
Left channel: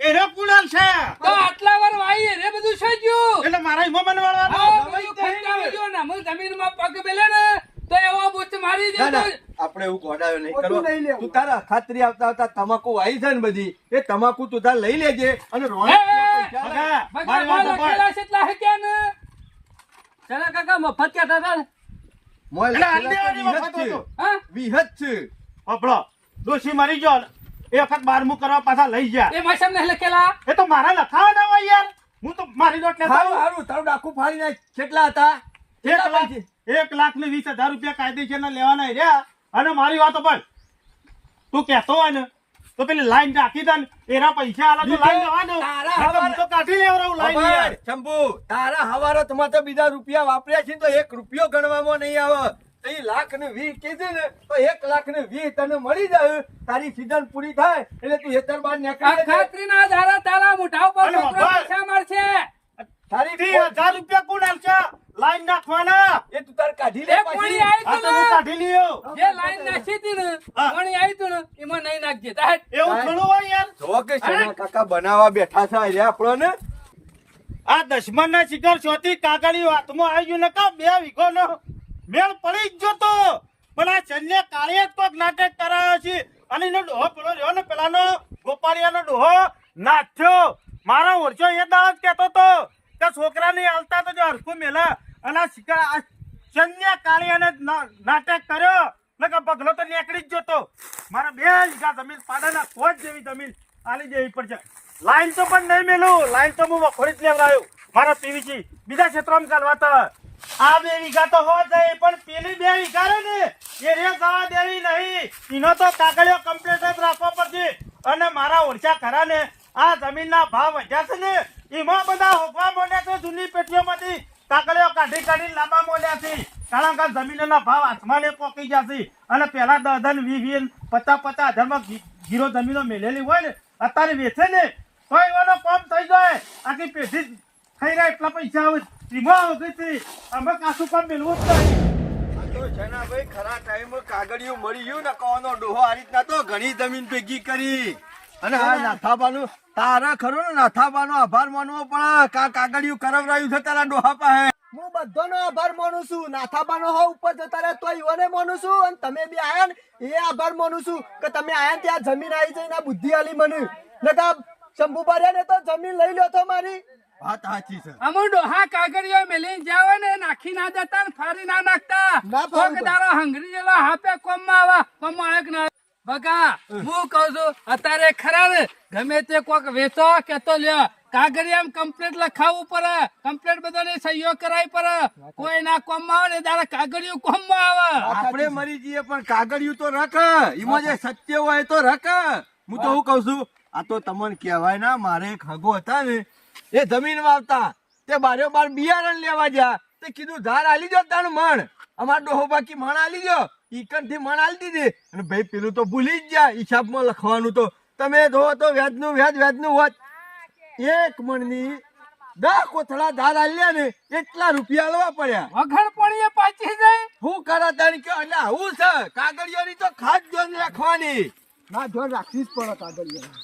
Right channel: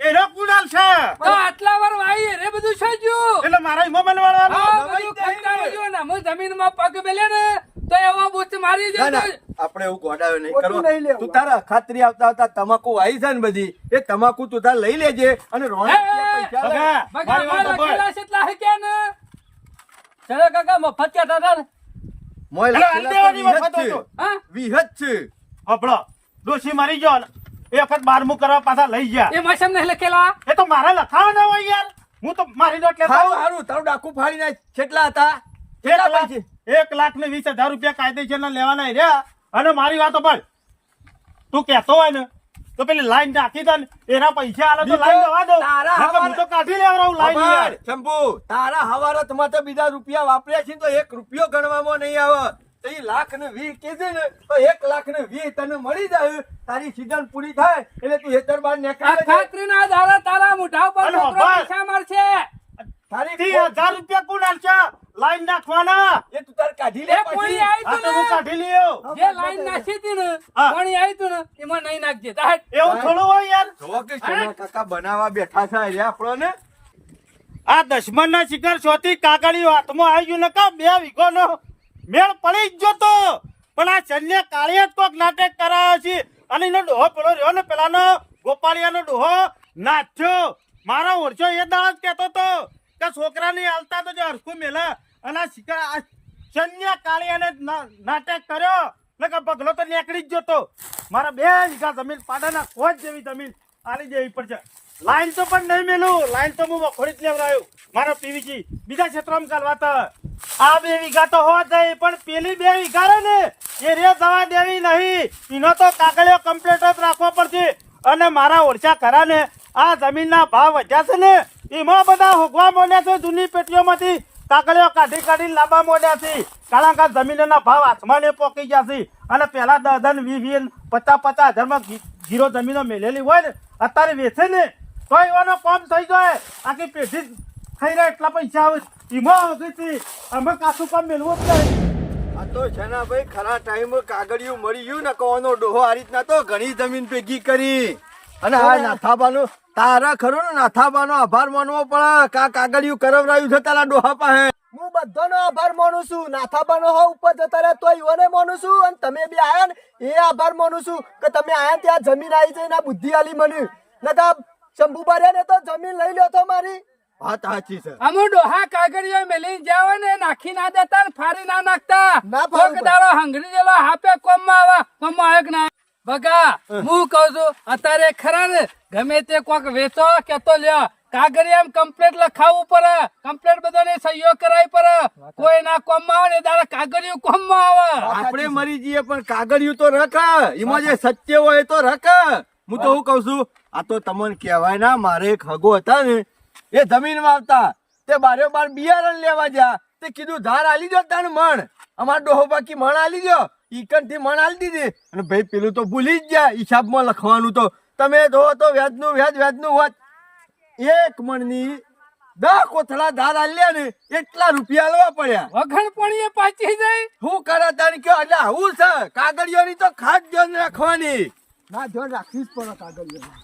એનો કુણાલ છે, તો આટલા વાર વાઈ રે બધું શું ગયું એટલે મારા ઈમો બનવાનો. હા, નવાઈ બધું થઈ ખંડાવી ગઈ. ગયો ને હું જમીનમાં પગ મેલે ને તો એવો બુચ મારી ના ના જતો આપણે એવું ગોડાવે નહીં ખોટું કરો. નહીં લેવું. તું તારા ખાતરી આવતા આવતા તમાકુ વાઈ છે ને બધી એ તમાકુ તું તાર લઈ લેજે અને રોણક હે, પૈસા લે. બગા, બગા મારી વાત માં હોભળ. લખેલા છે એટલા હે કે ને ચાલો કાકા મફત કહેતા હતા ને મોય એટલે લખેલા તો અંડેવાની વિહત વખત છે. હતો. હા વિહત છે. હોભળો, ડોશી મરી ગયો ને એ વખત બારમું કરવા પાછા લઈ ગયા. એ માસમ નહીં લખેલા એ તો મારા લખાવાના હોય યાર, હું તો મારી નોટ લેતો હારું હોઉં. હારું તારું ડાકુ ફાડી નાખ. કેટલા હતા? કેટલા પૈસે? 1,20,000 રૂપિયા કાયદેસરના લેવાના રહ્યા. અને મારી વાત હોભળ, તું કહેતો હોય ને તો પેલી લાઈન રાખી દે ને એના પૈસા આલે તો લાઈન લેવા દઉં. તારા નકર હું તો કાઢી લેવડાવું લાઈન યાર. ખબર, શંભુ, તારા હવારતમાં તો બીજા રૂપિયા વાપર્યા છે ને તો 1 રૂપિયો ગણવામાં નહીં આવે. તો ઈ 1,20,000 કીધું ને તો 1,20,000 તને મળી જાય. તારી સીઝન પૂરી થાય એટલે તું હેતર બાર આ નીકળી જજે. ખાતરીના દાડા તારા મોઢા ઉપર અરે છોકરો બાબા. પૈસા મારશે તારી 30,000 રૂપિયા કોણ આલશે? લાઈન નાખવાના. એ તું તાર કાઢી એ લે કોણી પછી. આવી આ તો તું હું ને કાઢી લ્યો. જે લાઈન નાખી હતી ને હા. કોણી આવી તું ને એમાં નહીં નાખજે તાહેટ. એવું થોડું હોય યાર. જો કે સોના કાકા બનાવવા બેઠા છે અહીંયા આપણને. આ દશમનના શિકાર શોથી કાગળિયો હાથમાં આવી ગયું ને કા 2 વીઘોનો મેળ પડી જ ગયો તો. પણ આ ચંદ્યા કાળીએ જ કોક નાટક કરાયો છે અને એનો ડોહો પેલો રહ્યો ને પેલાનો ગોપાળિયાનો ડોહો નાચ્યો. મારા ઓરછો એ દાળ જ કહેતો તો કે છોકરાને હાલતા તો જો હરખું મેલા અને આ શિકાર આ ચંદ્યા કાળીયાને જ નાટક કર્યો ને કે પગલો તો નીકળી જ ગયો તો. મારા 2 વીઘા જમીન પાડાના ખોજ જેવી જમીન આલી જેવી પડશે. લાઈન તો પણ નહીં મેલું, લાઈન તો હું વખોડી જ લેવડાયો મારા પીવીસી બીજા ક્ષેત્રમાં ચાલવા તો. આ 2 વીઘા તો હો જાય પણ પેલી 2 વીઘા રે ને એ રે જવા દેવી નહીં. એનો તો કાગળિયો કમ્પ્લીટ જ રાખવો પડશે. અને મારા ઓરછા ખરા ને આ જમીનના ભાવ વધ્યા છે ને એમાં બધા હોગવા માંડ્યા છે. જૂની પેટીઓમાંથી કાગળિયો કાઢી કાઢીને લાંબા માંડ્યા છે. કારણ કે જમીનના ભાવ આસમાને પોકી ગયા છે. અને પેલા 10,000 20,000 50,000 હજારમાં ગીરો જમીનો મેલેલી હોય ને અત્યારે વેચે ને તો એવાનો કોમ થઈ જાય. આખી પેઢી જ થઈ રહ્યા એટલા પૈસા આવે એમાં આવે છે. અમે કાશું કામ મેળવું જ નહીં. આ તો છે ને ભાઈ ખરા ટાઈમે કાગળિયું મળી ગયું ને કોનો ડોહો આ રીતના તો ઘણી જમીન ભેગી કરી. અને આ નાથાબાનું તારા ખરું ને નાથાબાનો આભાર માનવો પડે. કાગળિયું કરવરાયું છે તારા ડોહા પાસે. હું બધાનો આભાર માનું છું. નાથાબાનો હો ઉપર જતા રહ્યા તો ઈવોને માનું છું અને તમે બી આયા ને એ આભાર માનું છું કે તમે આયા ત્યાં જમીન આવી જઈને આ બુદ્ધિ આલી મને. નકા શંભુબા રહ્યા ને તો જમીન લઈ લો તો મારી. વાત સાચી છે. અમુ ડોહા કાગળિયો મેલીને જાઓ ને નાખી ના દેતા ને ફાડી ના નાખતા ના ફાડું કોક દાડો હંગરી જેલો હાપે કોમમાં આવે કે ના બગા હું કહું છું અત્યારે ખરા ને ગમે તે કોક વેચો કે તો લ્યો કાગળિયામ કમ્પ્લેટ લખાવવું પડે. કમ્પ્લેટ બધાને સહીઓ કરાવી પડે. કોઈ ના કોમમાં આવે ને તારે કાગળિયું કોમમાં આવે. આપણે મરી જઈએ પણ કાગળિયું તો રખ. એમાં જે સત્ય હોય તો રખ. હું તો હું કઉ છું આ તો તમને કહેવાય ના મારે એક હગો હતા ને એ જમીનમાં આવતા તે બારે બાર બિયારણ લેવા ગયા તે કીધું ધાર આલી દો તાણ મણ. અમાર ડોહો બાકી મણ આલી દો. ઈકન થી મણ આલી દીધી અને ભાઈ પેલું તો ભૂલી જ ગયા હિસાબમાં લખવાનું. તો તમે જોવો તો વ્યાજનું વ્યાજનું હોત 1 મણની 10 કોથળા ધાર આલ્યા ને એટલા રૂપિયા લેવા પડ્યા. વગણ પણીએ પાછી જાય. શું કરો તાણ કયો એટલે આવું છે. કાગળિયોની તો ખાસ ધ્યાન રાખવાની. ના ધ્યાન રાખવી જ પડે કાગળિયા.